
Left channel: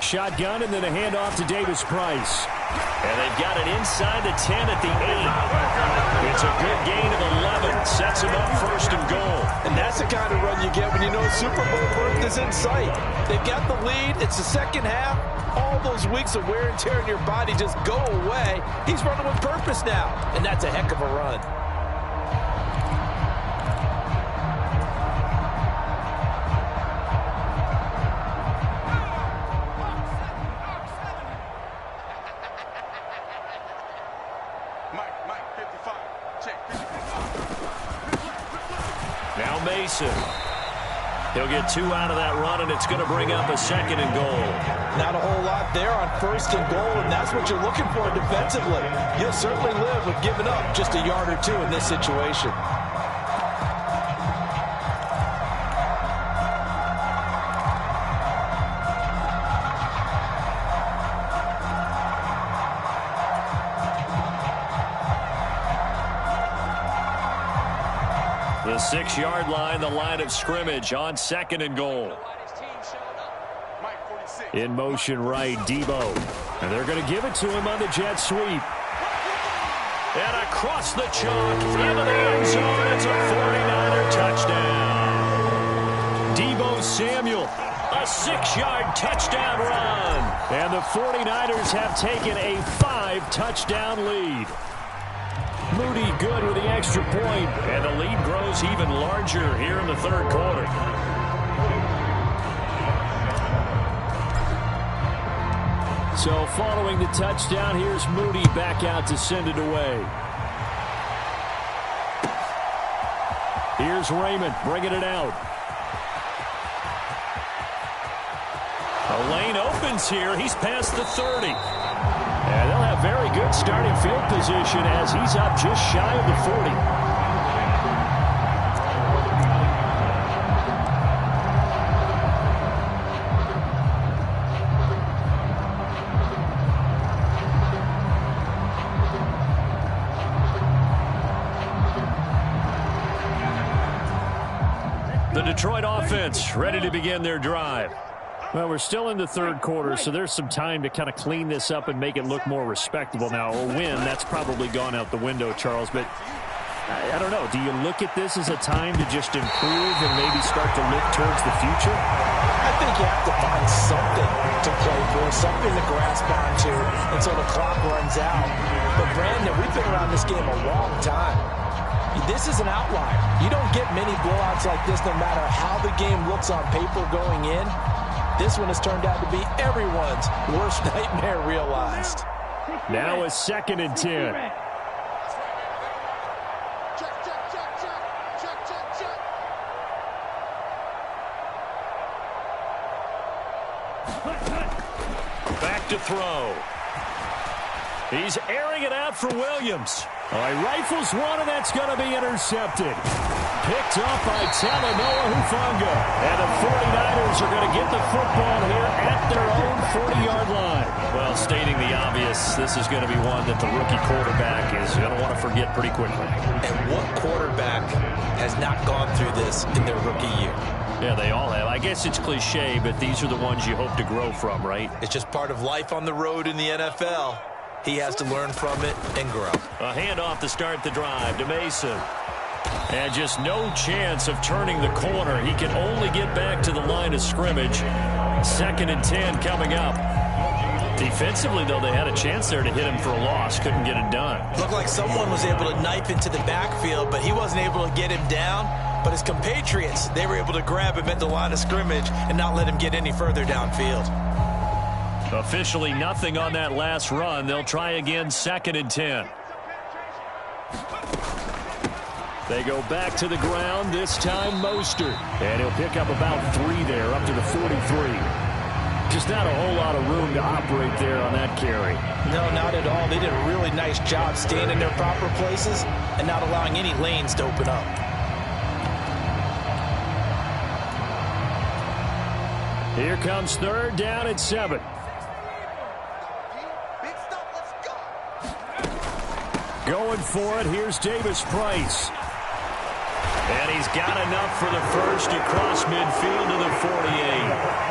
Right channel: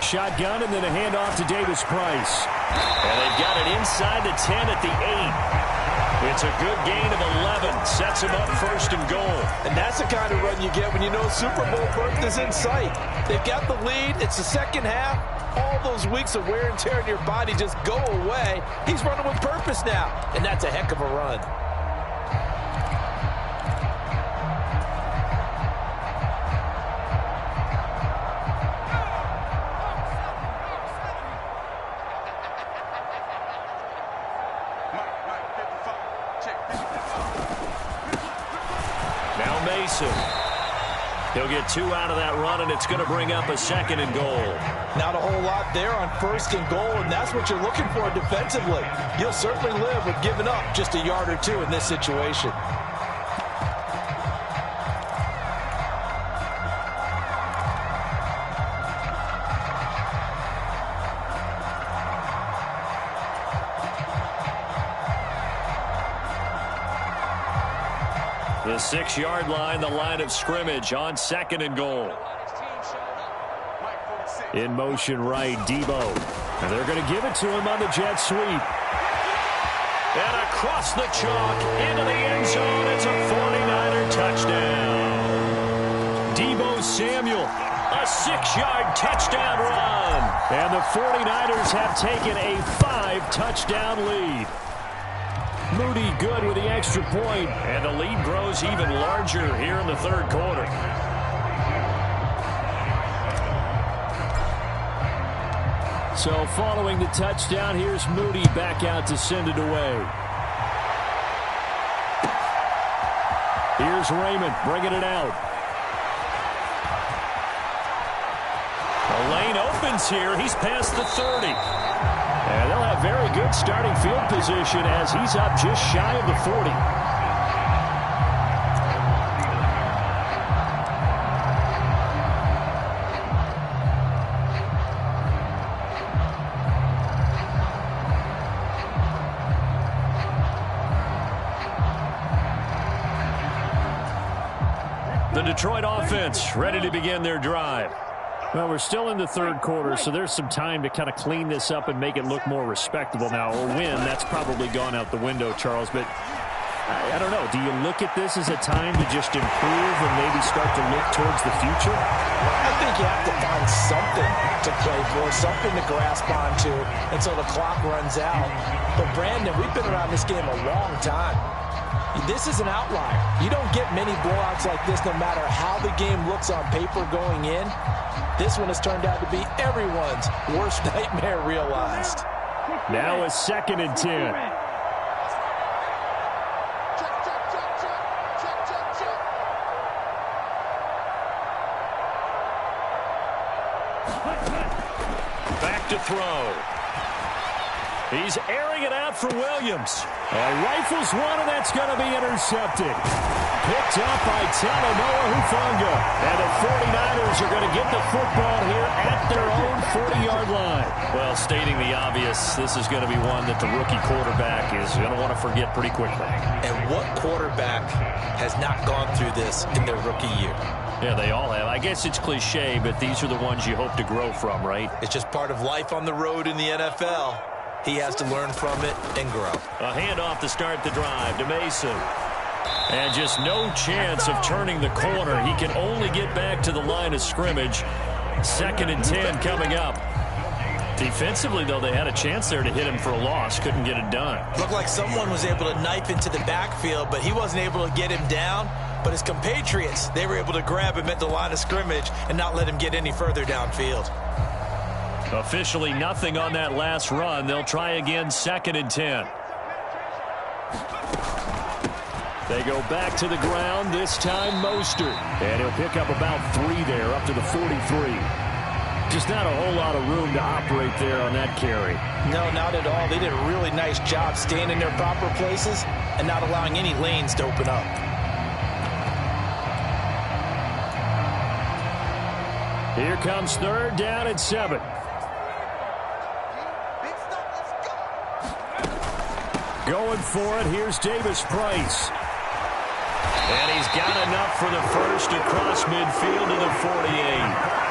Shotgun and then a handoff to Davis Price. And they've got it inside the 10 at the 8. It's a good gain of 11. Sets him up 1st and goal. And that's the kind of run you get when you know Super Bowl berth is in sight. They've got the lead. It's the second half. All those weeks of wear and tear in your body just go away. He's running with purpose now. And that's a heck of a run. Now Mason. He'll get 2 out of that run, and it's going to bring up a 2nd and goal. Not a whole lot there on 1st and goal, and that's what you're looking for defensively. You'll certainly live with giving up just a yard or 2 in this situation. The 6-yard line, the line of scrimmage on 2nd and goal. In motion right, Debo. And they're going to give it to him on the jet sweep. And across the chalk into the end zone. It's a 49er touchdown. Deebo Samuel, a 6-yard touchdown run. And the 49ers have taken a 5-touchdown lead. Moody good with the extra point. And the lead grows even larger here in the third quarter. So following the touchdown, here's Moody back out to send it away. Here's Raymond bringing it out. The lane opens here. He's past the 30. And they'll have very good starting field position as he's up just shy of the 40. The Detroit offense ready to begin their drive. Well, we're still in the third quarter, so there's some time to kind of clean this up and make it look more respectable. Now, a win, that's probably gone out the window, Charles, but I don't know. Do you look at this as a time to just improve and maybe start to look towards the future? I think you have to find something to play for, something to grasp onto until the clock runs out. But, Brandon, we've been around this game a long time. This is an outlier. You don't get many blowouts like this no matter how the game looks on paper going in. This one has turned out to be everyone's worst nightmare realized. Now a 2nd and 10. Back to throw. He's airing it out for Williams. Oh, he rifles one, and that's going to be intercepted. Picked up by Talanoa Hufanga. And the 49ers are going to get the football here at their own 40-yard line. Well, stating the obvious, this is going to be one that the rookie quarterback is going to want to forget pretty quickly. And what quarterback has not gone through this in their rookie year? Yeah, they all have. I guess it's cliche, but these are the ones you hope to grow from, right? It's just part of life on the road in the NFL. He has to learn from it and grow. A handoff to start the drive to Mason. And just no chance of turning the corner. He can only get back to the line of scrimmage. 2nd and 10 coming up. Defensively, though, they had a chance there to hit him for a loss. Couldn't get it done. Looked like someone was able to knife into the backfield, but he wasn't able to get him down. But his compatriots, they were able to grab him at the line of scrimmage and not let him get any further downfield. Officially nothing on that last run. They'll try again, 2nd and 10. They go back to the ground, this time Mostert. And he'll pick up about 3 there, up to the 43. Just not a whole lot of room to operate there on that carry. No, not at all. They did a really nice job staying in their proper places and not allowing any lanes to open up. Here comes 3rd down and 7. Going for it, here's Davis Price. And he's got enough for the first across midfield to the 48.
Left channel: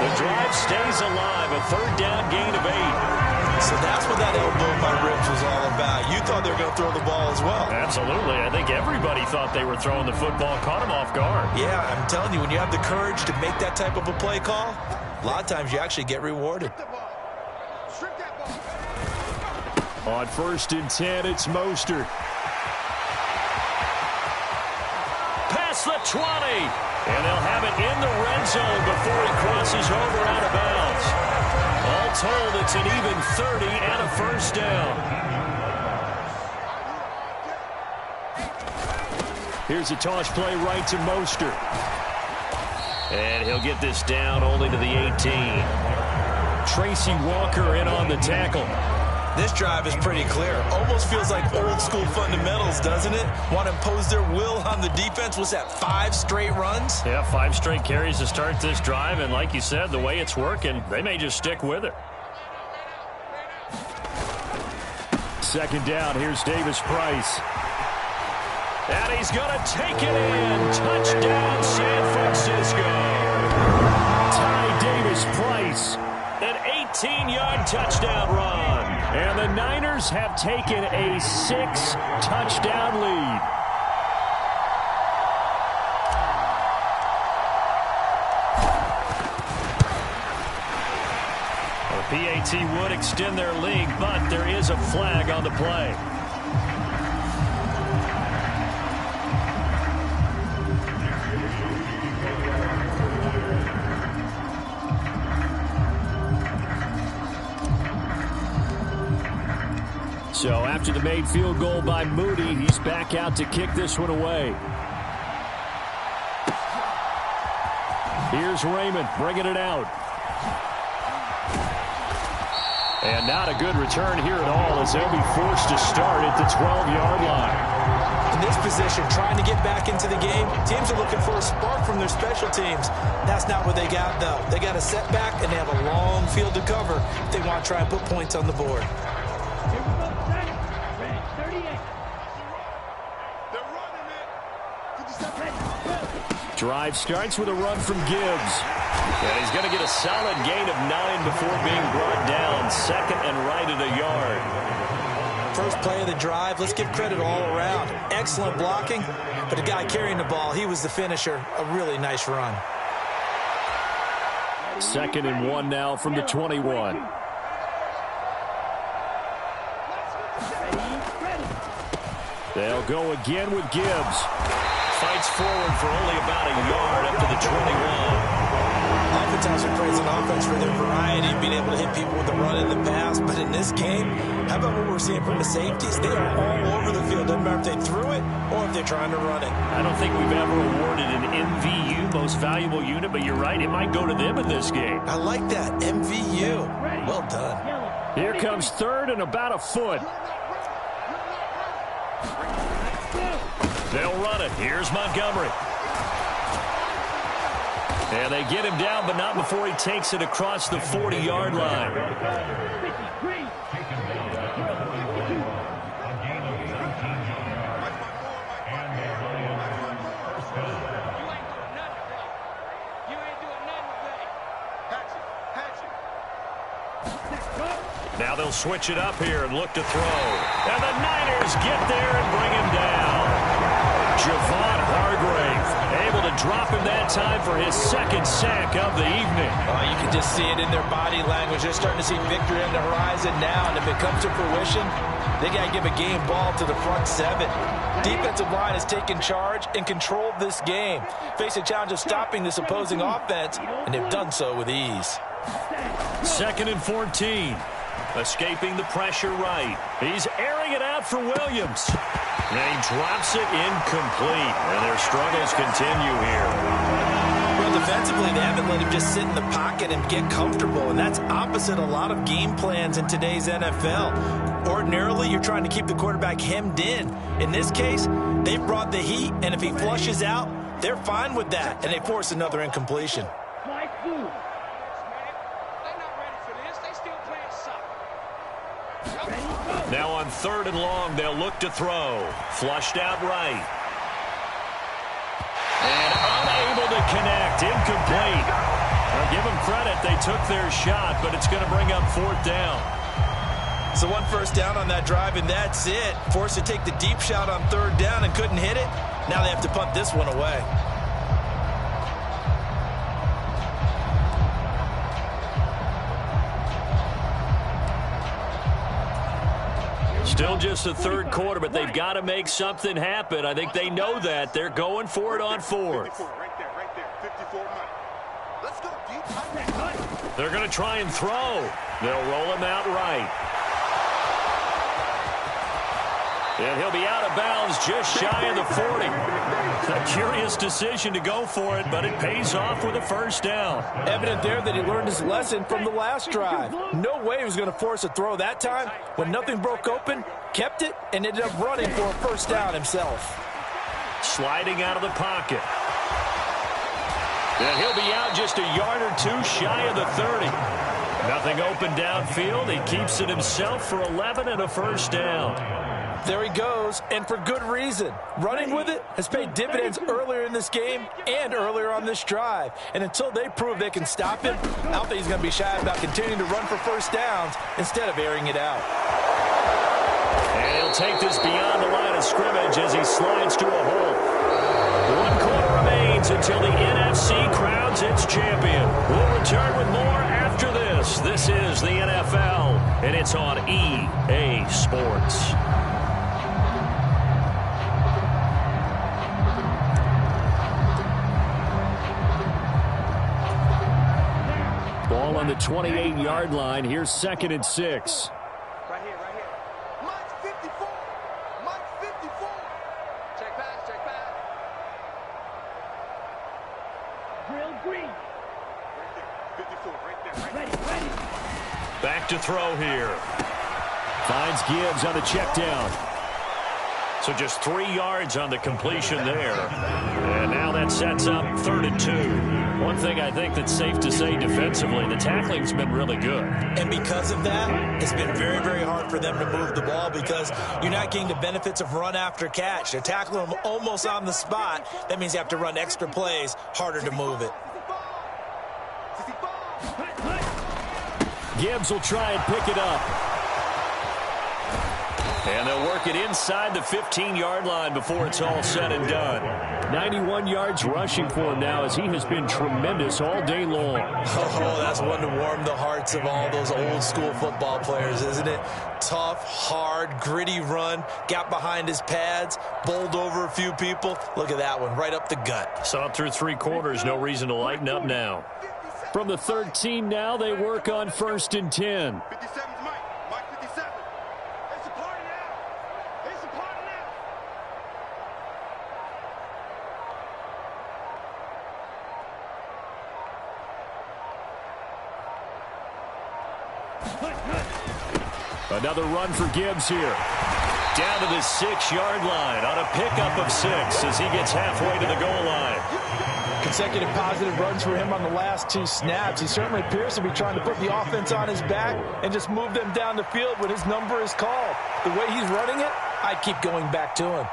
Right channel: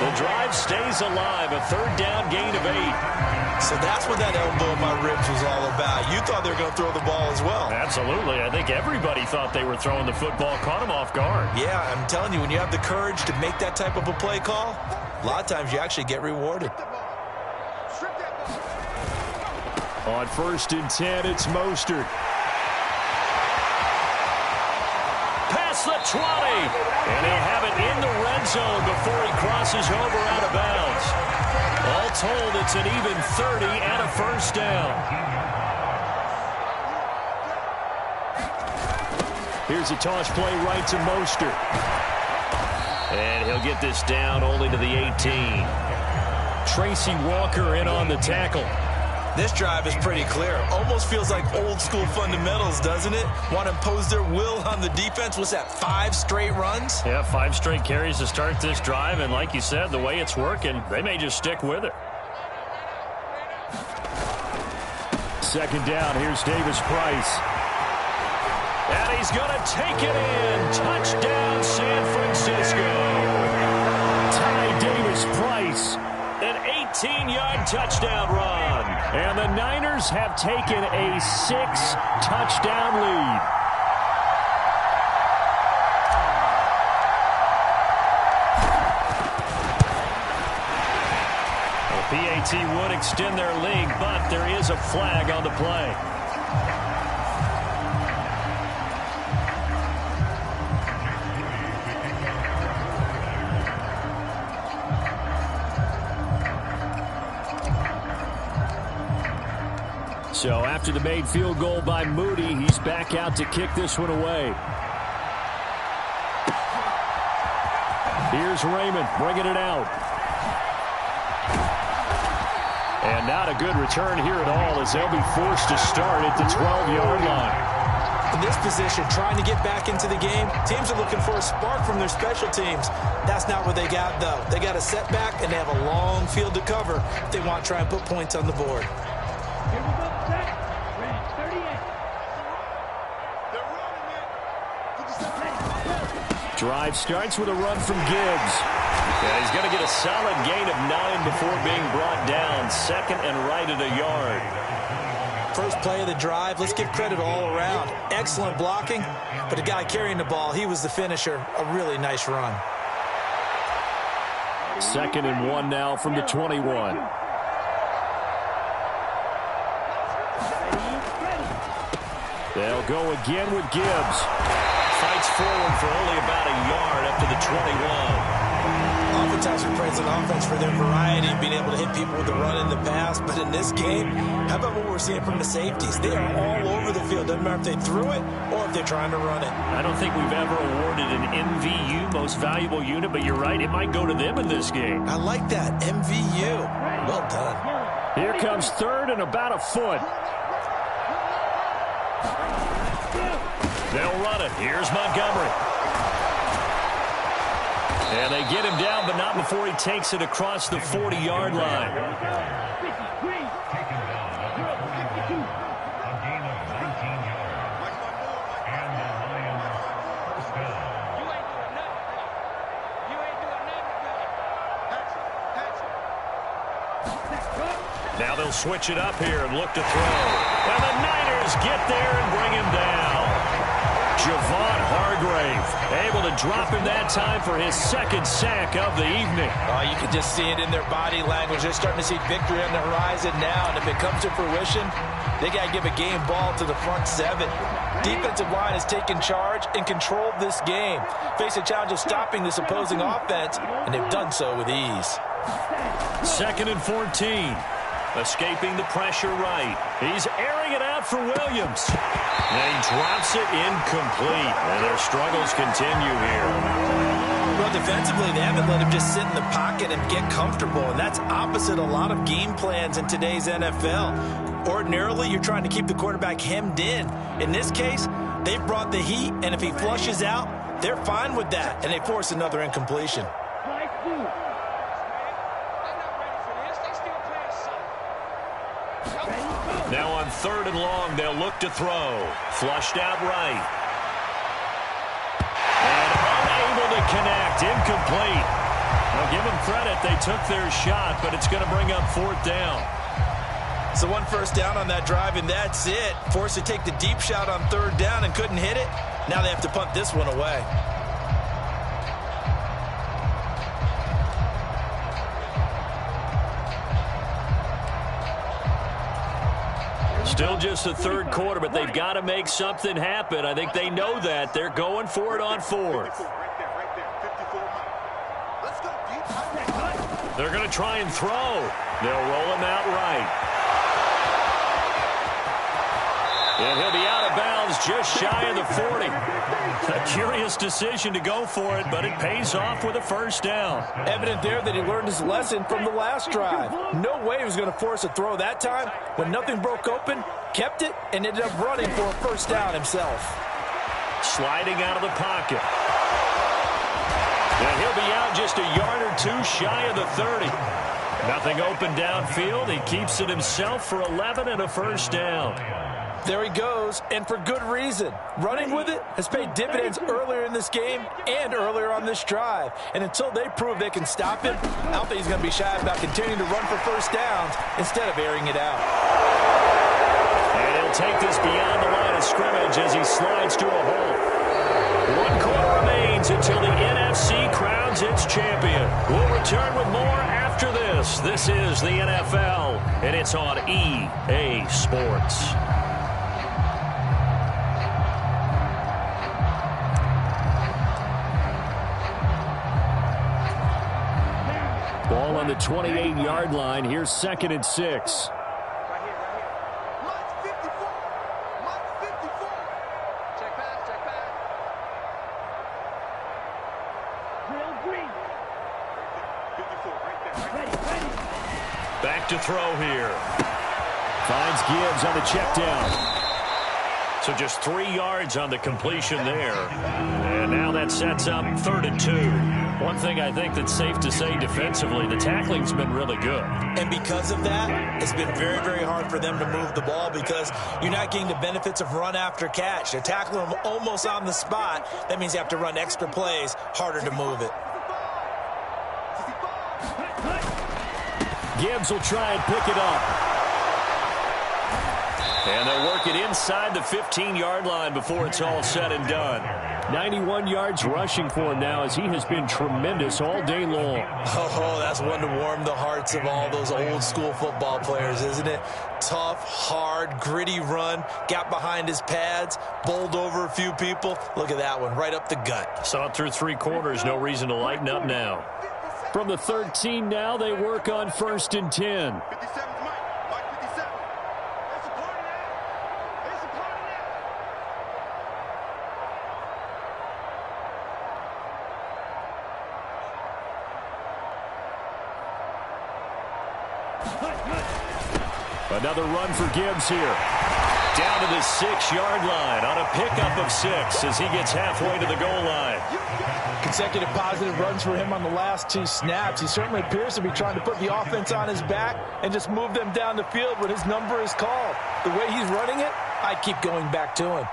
The drive stays alive, a 3rd down gain of 8. So that's what that elbow in my ribs was all about. You thought they were going to throw the ball as well. Absolutely. I think everybody thought they were throwing the football, caught him off guard. Yeah, I'm telling you, when you have the courage to make that type of a play call, a lot of times you actually get rewarded. On 1st and 10, it's Mostert. Past the 20. And they'll have it in the red zone before he crosses over out of bounds. All told, it's an even 30 and a 1st down. Here's a toss play right to Mostert. And he'll get this down only to the 18. Tracy Walker in on the tackle. This drive is pretty clear. Almost feels like old school fundamentals, doesn't it? Want to impose their will on the defense. Was that 5 straight runs? Yeah, 5 straight carries to start this drive. And like you said, the way it's working, they may just stick with it. 2nd down, here's Davis Price. And he's going to take it in. Touchdown, San Francisco. Ty Davis Price. An 18-yard touchdown run. And the Niners have taken a 6-touchdown lead. The PAT would extend their lead, but there is a flag on the play. So after the made field goal by Moody, he's back out to kick this one away. Here's Raymond bringing it out. And not a good return here at all, as they'll be forced to start at the 12-yard line. In this position, trying to get back into the game, teams are looking for a spark from their special teams. That's not what they got, though. They got a setback, and they have a long field to cover if they want to try and put points on the board. Here we go, set. Red 38. They're running it. 57. Drive starts with a run from Gibbs. And he's going to get a solid gain of 9 before being brought down. Second and right at a yard. First play of the drive, let's give credit all around. Excellent blocking, but the guy carrying the ball, he was the finisher. A really nice run. Second and 1 now from the 21. They'll go again with Gibbs. Fights forward for only about a yard up to the 21. Oftentimes we praise an offense for their variety of being able to hit people with the run and the pass. But in this game, how about what we're seeing from the safeties? They are all over the field. Doesn't matter if they threw it or if they're trying to run it. I don't think we've ever awarded an MVU, most valuable unit, but you're right. It might go to them in this game. I like that. MVU. Well done. Here comes third and about a foot. They'll run it. Here's Montgomery. And they get him down, but not before he takes it across the 40-yard line. 53. Girl, 52. A gain of 19 yards. And the Lions first down. You ain't doing nothing today. You ain't doing nothing today. Hatch it. Now they'll switch it up here and look to throw. And the Niners get there and bring him down. Javon Hargrave able to drop him that time for his second sack of the evening. Oh, you can just see it in their body language. They're starting to see victory on the horizon now, and if it comes to fruition, they got to give a game ball to the front seven. Defensive line has taken charge and controlled this game. Face a challenge of stopping this opposing offense, and they've done so with ease. Second and 14. Escaping the pressure right. He's airing it out for Williams. And he drops it incomplete. And their struggles continue here. Well, defensively, they haven't let him just sit in the pocket and get comfortable, and that's opposite a lot of game plans in today's NFL. Ordinarily, you're trying to keep the quarterback hemmed in. In this case, they've brought the heat, and if he flushes out, they're fine with that, and they force another incompletion. Flight blue. They're not ready for this. They still playing soft. Now on third and long, they'll look to throw. Flushed out right. And unable to connect. Incomplete. Now give them credit. They took their shot, but it's going to bring up fourth down. So one first down on that drive, and that's it. Forced to take the deep shot on third down and couldn't hit it. Now they have to punt this one away. Still just the third quarter, but they've got to make something happen. I think they know that. They're going for it on fourth. 54, right there. 54 money. Let's go deep. They're going to try and throw. They'll roll him out right. And he'll be out of bounds just shy of the 40. A curious decision to go for it, but it pays off with a first down. Evident there that he learned his lesson from the last drive. No way he was going to force a throw that time. When nothing broke open, kept it, and ended up running for a first down himself. Sliding out of the pocket. And he'll be out just a yard or two shy of the 30. Nothing open downfield. He keeps it himself for 11 and a first down. There he goes, and for good reason. Running with it has paid dividends earlier in this game and earlier on this drive. And until they prove they can stop him, I don't think he's going to be shy about continuing to run for first downs instead of airing it out. And he'll take this beyond the line of scrimmage as he slides to a hole. 1 quarter remains until the NFC crowns its champion. We'll return with more after this. This is the NFL, and it's on EA Sports. Ball on the 28-yard line. Here's 2nd and 6. Right here. Mike's 54. Mike's 54. Check pass. Drill green. Right there. 54. Right there. Ready. Back to throw here. Finds Gibbs on the check down. So just 3 yards on the completion there. And now that sets up 3rd and 2. One thing I think that's safe to say defensively, the tackling's been really good. And because of that, it's been very, very hard for them to move the ball because you're not getting the benefits of run after catch. They're tackling them almost on the spot. That means you have to run extra plays, harder to move it. Gibbs will try and pick it up. And they'll work it inside the 15-yard line before it's all said and done. 91 yards rushing for him now as he has been tremendous all day long. Oh, that's one to warm the hearts of all those old-school football players, isn't it? Tough, hard, gritty run, got behind his pads, bowled over a few people. Look at that one, right up the gut. Saw it through 3 quarters, no reason to lighten up now. From the 13 now, they work on 1st and 10. 57's Mike. Mike 57. It's a party now. It's a party now. Another run for Gibbs here. Down to the 6-yard line on a pickup of 6 as he gets halfway to the goal line. Consecutive positive runs for him on the last 2 snaps. He certainly appears to be trying to put the offense on his back and just move them down the field when his number is called. The way he's running it, I'd keep going back to him.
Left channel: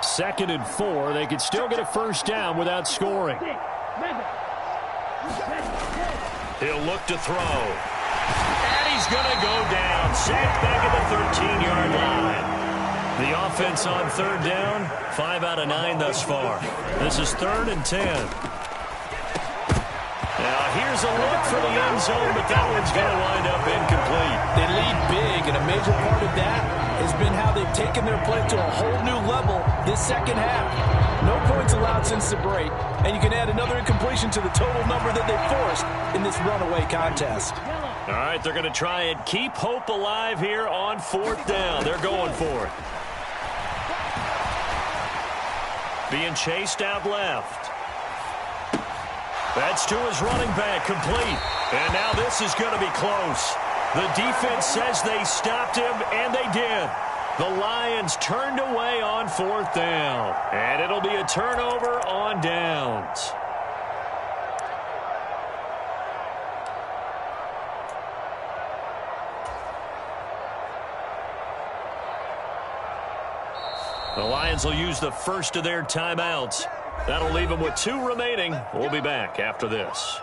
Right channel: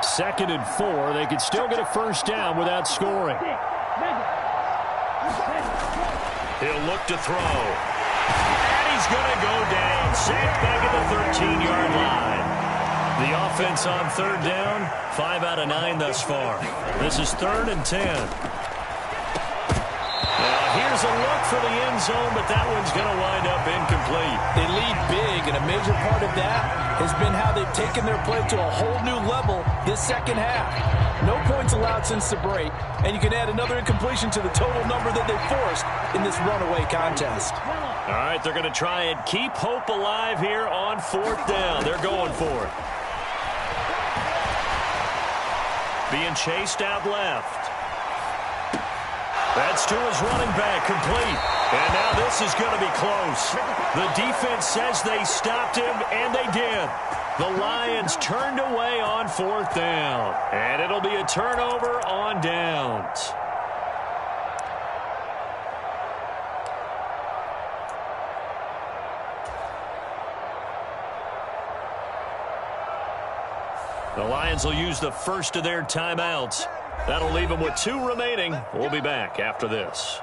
2nd and 4. They could still get a first down without scoring. He'll look to throw. And he's going to go down. Sacked back at the 13-yard line. The offense on 3rd down, 5 out of 9 thus far. This is 3rd and 10. Now here's a look for the end zone, but that one's going to wind up incomplete. They lead big, and a major part of that has been how they've taken their play to a whole new level this second half. No points allowed since the break, and you can add another incompletion to the total number that they forced in this runaway contest. All right, they're going to try and keep hope alive here on 4th down. They're going for it. Being chased out left. That's to his running back, complete. And now this is going to be close. The defense says they stopped him, and they did. The Lions turned away on 4th down. And it'll be a turnover on downs. The Lions will use the first of their timeouts. That'll leave them with 2 remaining. We'll be back after this.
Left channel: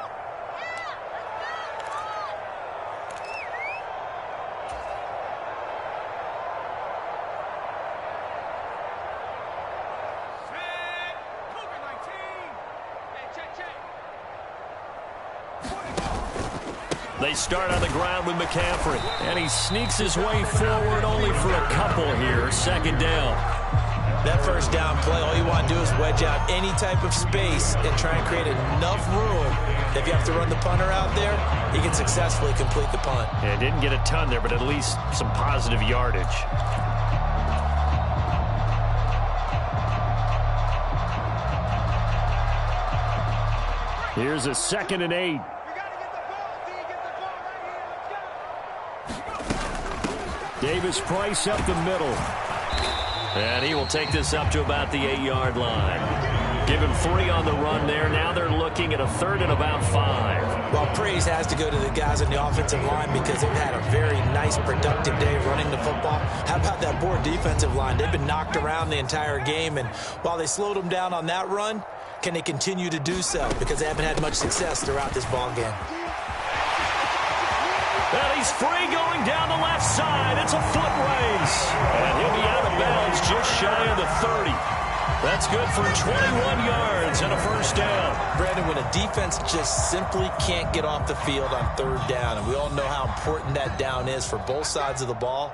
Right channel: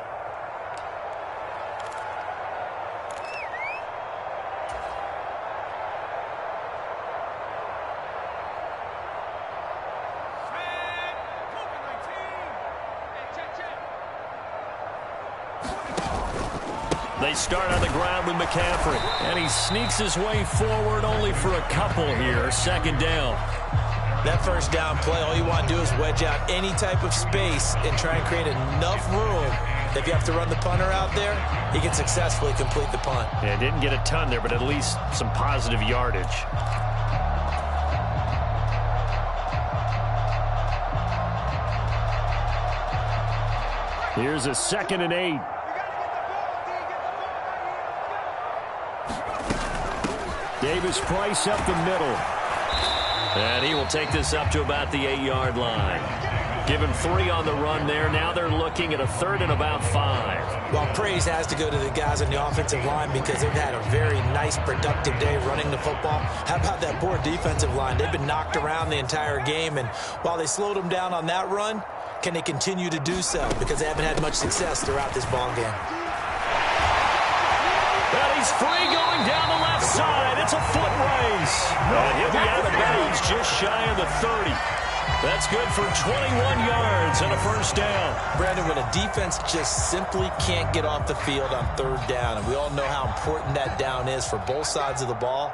They start on the ground with McCaffrey, and he sneaks his way forward only for a couple here. 2nd down. That first down play, all you want to do is wedge out any type of space and try and create enough room. If you have to run the punter out there, he can successfully complete the punt. Yeah, didn't get a ton there, but at least some positive yardage. Here's a 2nd and 8. Davis Price up the middle. And he will take this up to about the 8-yard line. Give him 3 on the run there. Now they're looking at a 3rd and about 5. Well, praise has to go to the guys on the offensive line because they've had a very nice, productive day running the football. How about that poor defensive line? They've been knocked around the entire game, and while they slowed them down on that run, can they continue to do so? Because they haven't had much success throughout this ball game. And he's free going down the left side. It's a foot race. And he'll be out of bounds just shy of the 30. That's good for 21 yards and a first down. Brandon, when a defense just simply can't get off the field on 3rd down, and we all know how important that down is for both sides of the ball,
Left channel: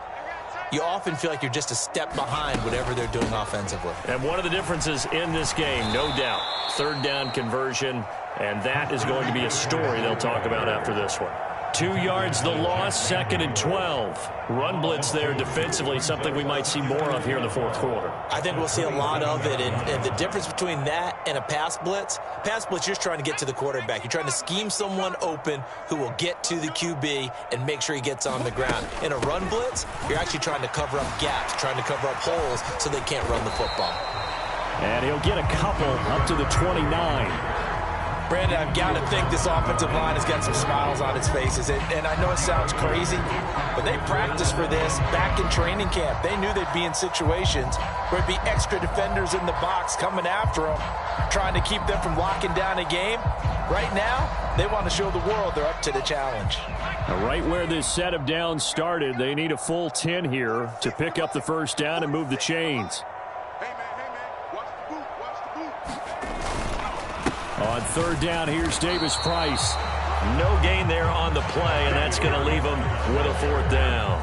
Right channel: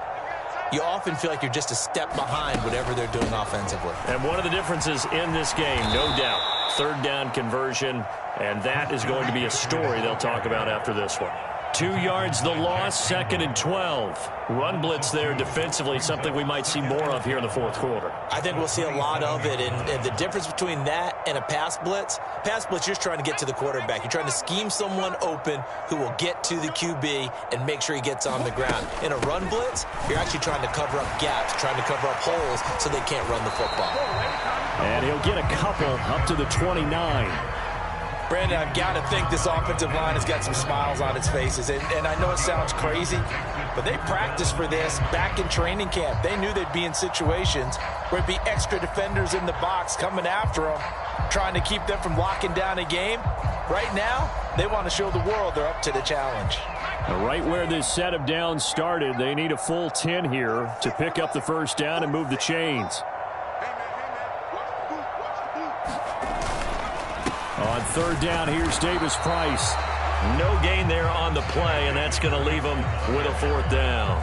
you often feel like you're just a step behind whatever they're doing offensively. And one of the differences in this game, no doubt, 3rd down conversion, and that is going to be a story they'll talk about after this one. 2 yards the loss, 2nd and 12. Run blitz there defensively, something we might see more of here in the 4th quarter. I think we'll see a lot of it, and the difference between that and a pass blitz, you're just trying to get to the quarterback. You're trying to scheme someone open who will get to the QB and make sure he gets on the ground. In a run blitz, you're actually trying to cover up gaps, trying to cover up holes so they can't run the football. And he'll get a couple up to the 29. Brandon, I've got to think this offensive line has got some smiles on its faces. And I know it sounds crazy, but they practiced for this back in training camp. They knew they'd be in situations where it'd be extra defenders in the box coming after them, trying to keep them from locking down a game. Right now, they want to show the world they're up to the challenge. Now, right where this set of downs started, they need a full 10 here to pick up the first down and move the chains. On 3rd down, here's Davis-Price. No gain there on the play, and that's going to leave them with a 4th down.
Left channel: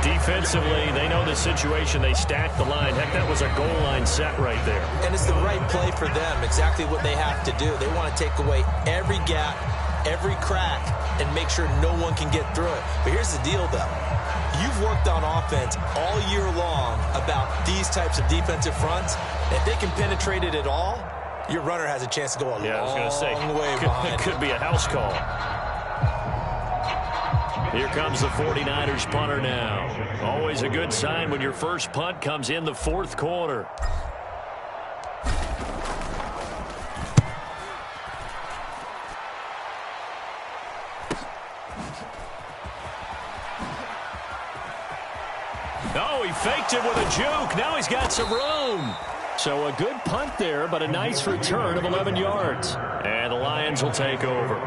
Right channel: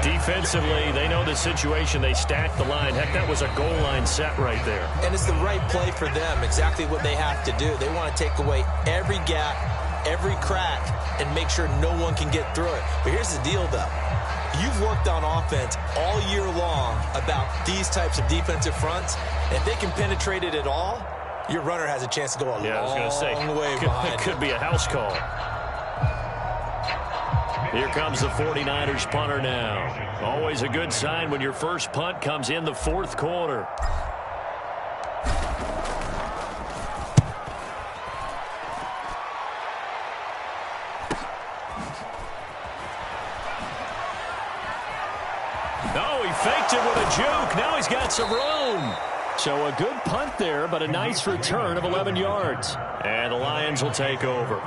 Defensively, they know the situation. They stack the line. Heck, that was a goal line set right there. And it's the right play for them, exactly what they have to do. They want to take away every gap, every crack, and make sure no one can get through it. But here's the deal, though. You've worked on offense all year long about these types of defensive fronts. If they can penetrate it at all, your runner has a chance to go a long way behind. It could be a house call. Here comes the 49ers punter now. Always a good sign when your first punt comes in the 4th quarter. No, he faked it with a juke. Now he's got some room. So a good punt there, but a nice return of 11 yards. And the Lions will take over.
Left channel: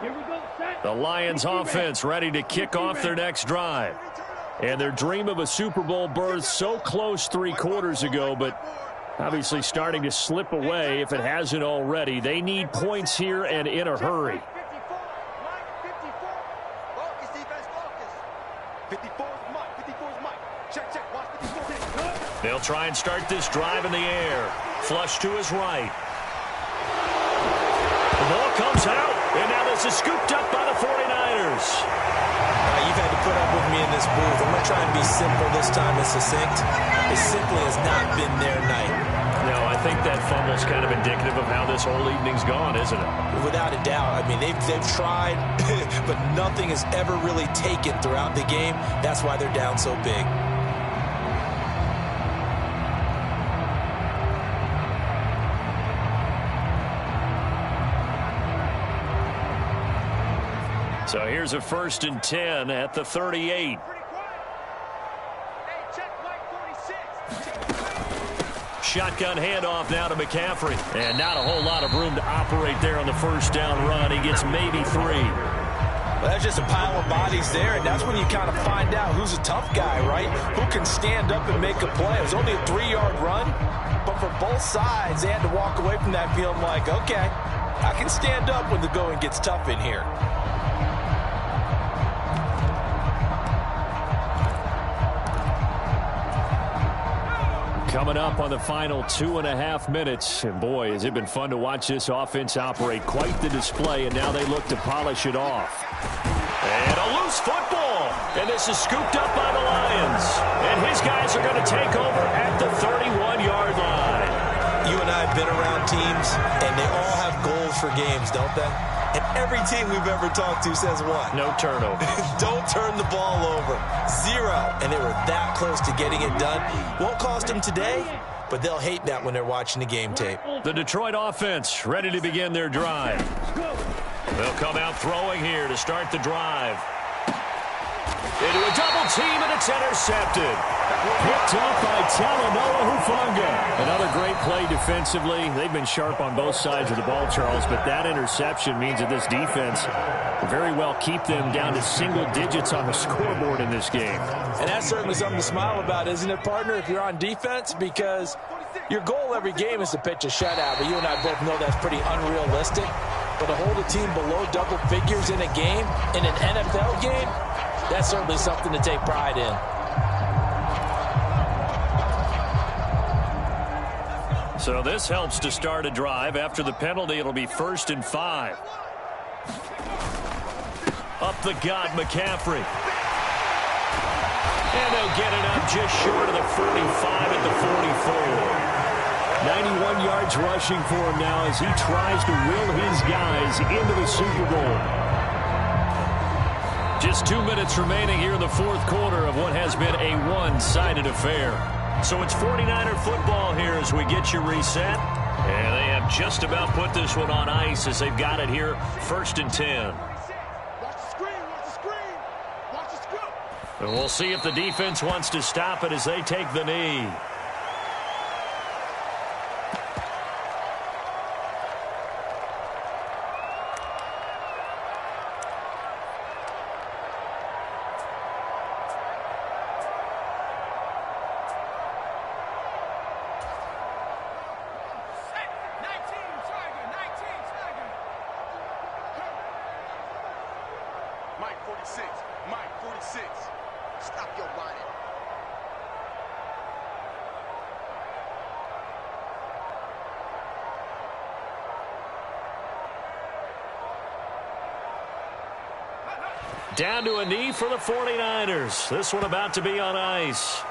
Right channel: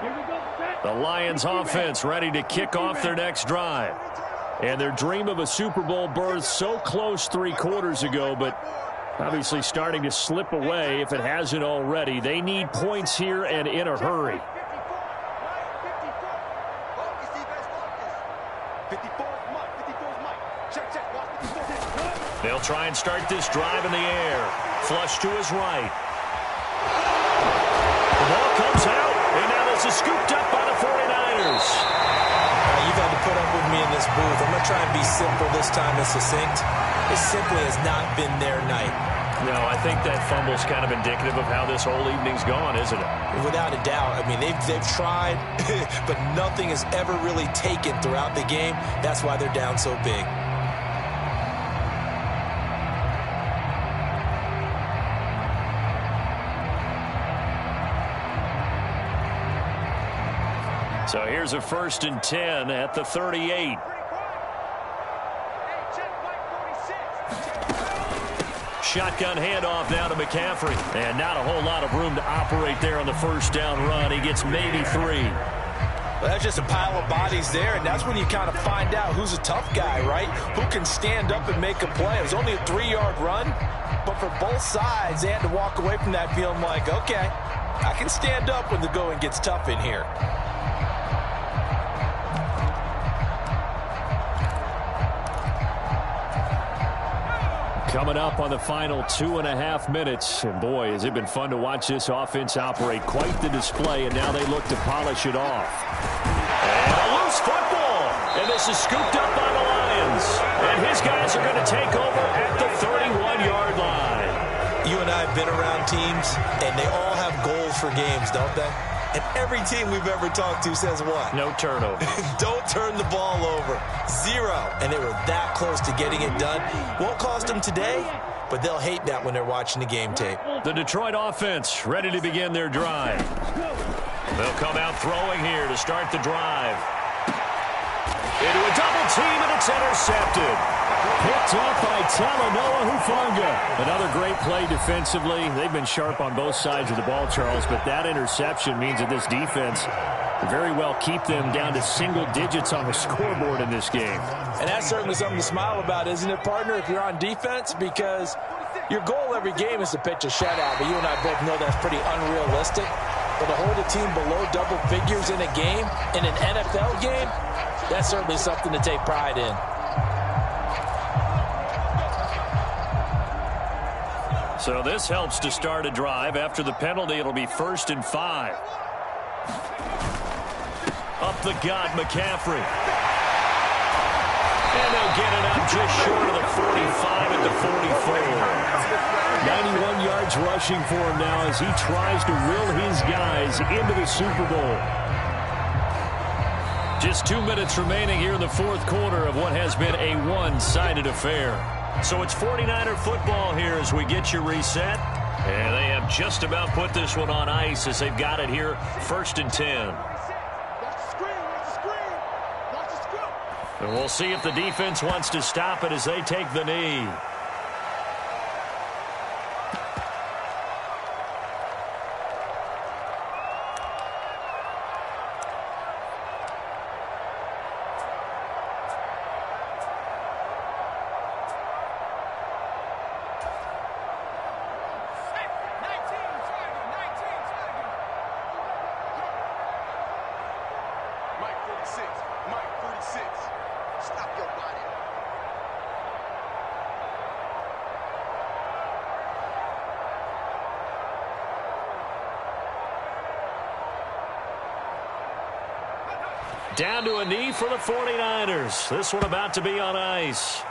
Here we go, set. The Lions offense ready to kick off their next drive. And their dream of a Super Bowl berth so close 3 quarters ago, but obviously starting to slip away if it hasn't already. They need points here and in a hurry. 54, Mike, 54. Focus, defense, focus. 54 is Mike, 54 is Mike. Check, watch 54. They'll try and start this drive in the air. Flush to his right. The ball comes out, and now this is scooped up by the 49ers. You've had to put up with me in this booth. I'm going to try and be simple this time and succinct. It simply has not been their night. No, I think that fumble's kind of indicative of how this whole evening's gone, isn't it? Without a doubt. I mean, they've tried, but nothing has ever really taken throughout the game. That's why they're down so big. So here's a 1st and 10 at the 38. Pretty quiet. Hey, check Mike 46. Shotgun handoff now to McCaffrey. And not a whole lot of room to operate there on the first down run. He gets maybe 3. Well, that's just a pile of bodies there, and that's when you kind of find out who's a tough guy, right? Who can stand up and make a play. It was only a 3-yard run, but for both sides, they had to walk away from that feeling like, okay, I can stand up when the going gets tough in here. Coming up on the final 2.5 minutes. And boy, has it been fun to watch this offense operate. Quite the display, and now they look to polish it off. And a loose football. And this is scooped up by the Lions. And his guys are going to take over at the 31-yard line. You and I have been around teams, and they all have goals for games, don't they? And every team we've ever talked to says what? No turnover. Don't turn the ball over. 0. And they were that close to getting it done. Won't cost them today, but they'll hate that when they're watching the game tape. The Detroit offense ready to begin their drive. They'll come out throwing here to start the drive. Into a double team, and it's intercepted. Picked up by Talanoa Hufanga. Another great play defensively. They've been sharp on both sides of the ball, Charles, but that interception means that this defense will very well keep them down to single digits on the scoreboard in this game. And that's certainly something to smile about, isn't it, partner, if you're on defense? Because your goal every game is to pitch a shutout, but you and I both know that's pretty unrealistic. But to hold a team below double figures in a game, in an NFL game, that's certainly something to take pride in. So this helps to start a drive. After the penalty, it'll be 1st and 5. Up the gut, McCaffrey. And they'll get it up just short of the 45 at the 44. 91 yards rushing for him now as he tries to will his guys into the Super Bowl. Just 2 minutes remaining here in the fourth quarter of what has been a one-sided affair. So it's 49er football here as we get you reset. And they have just about put this one on ice as they've got it here 1st and 10. Watch the screen, watch the screen. Watch the scoop. And we'll see if the defense wants to stop it as they take the knee. Mike 46, Mike 46. Stop your body. Down to a knee for the 49ers. This one about to be on ice.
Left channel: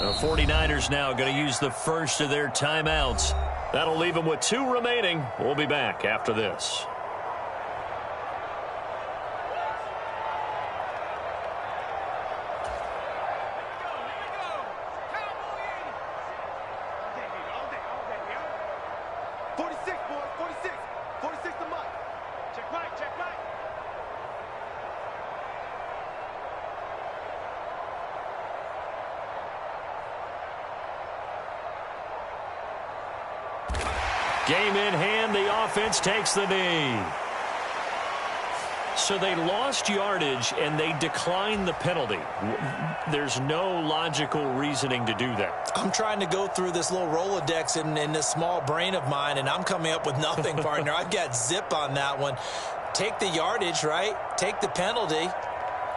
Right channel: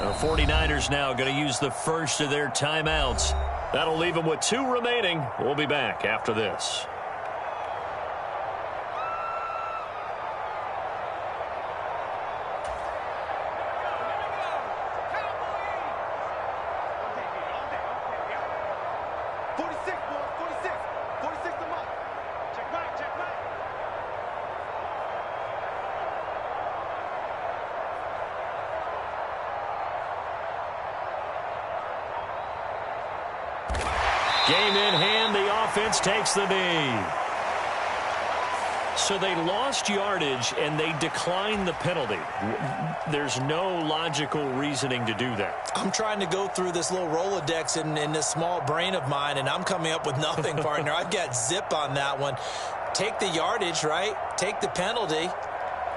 The 49ers now going to use the first of their timeouts. That'll leave them with 2 remaining. We'll be back after this. Game in hand, the offense takes the knee. So they lost yardage and they declined the penalty. There's no logical reasoning to do that. I'm trying to go through this little Rolodex in this small brain of mine, and I'm coming up with nothing, partner. I've got zip on that one. Take the yardage, right? Take the penalty.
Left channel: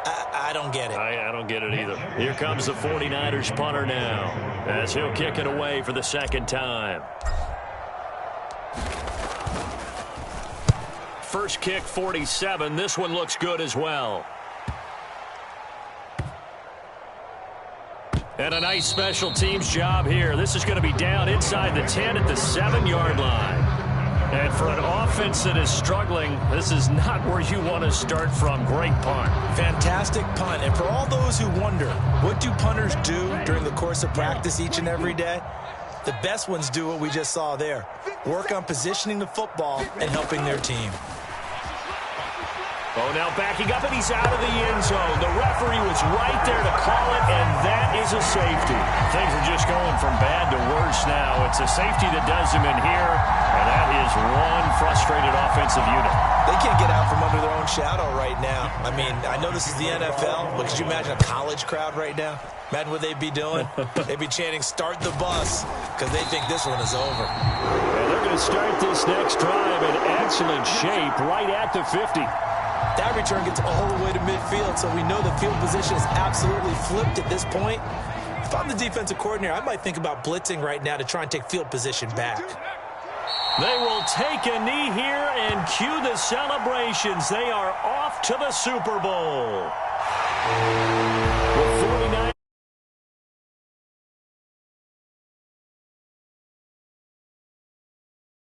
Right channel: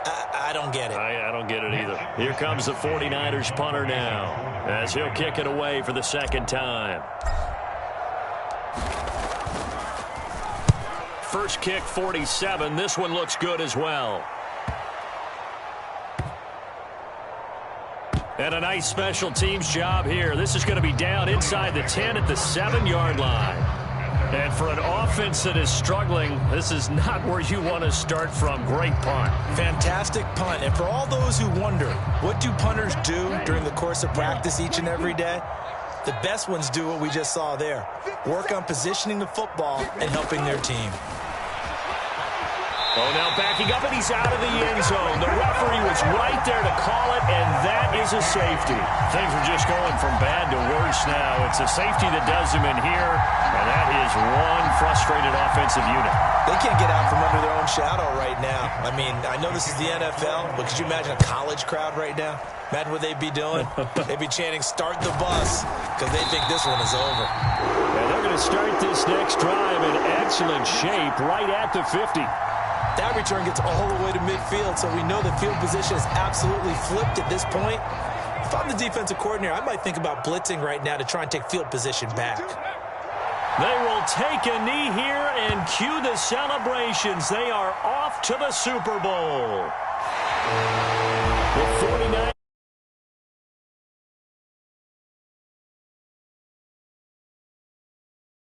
I don't get it. I don't get it either. Here comes the 49ers punter now as he'll kick it away for the second time. First kick, 47. This one looks good as well. And a nice special teams job here. This is going to be down inside the 10 at the 7-yard line. And for an offense that is struggling, this is not where you want to start from. Great punt. Fantastic punt. And for all those who wonder, what do punters do during the course of practice each and every day? The best ones do what we just saw there. Work on positioning the football and helping their team. Oh, now backing up, and he's out of the end zone. The referee was right there to call it, and that is a safety. Things are just going from bad to worse now. It's a safety that does him in here, and that is one frustrated offensive unit. They can't get out from under their own shadow right now. I mean, I know this is the NFL, but could you imagine a college crowd right now? Imagine what they'd be doing. They'd be chanting, "Start the bus," because they think this one is over. Yeah, they're going to start this next drive in excellent shape right at the 50. That return gets all the way to midfield, so we know the field position is absolutely flipped at this point. If I'm the defensive coordinator, I might think about blitzing right now to try and take field position back. They will take a knee here and cue the celebrations. They are off to the Super Bowl. The 49ers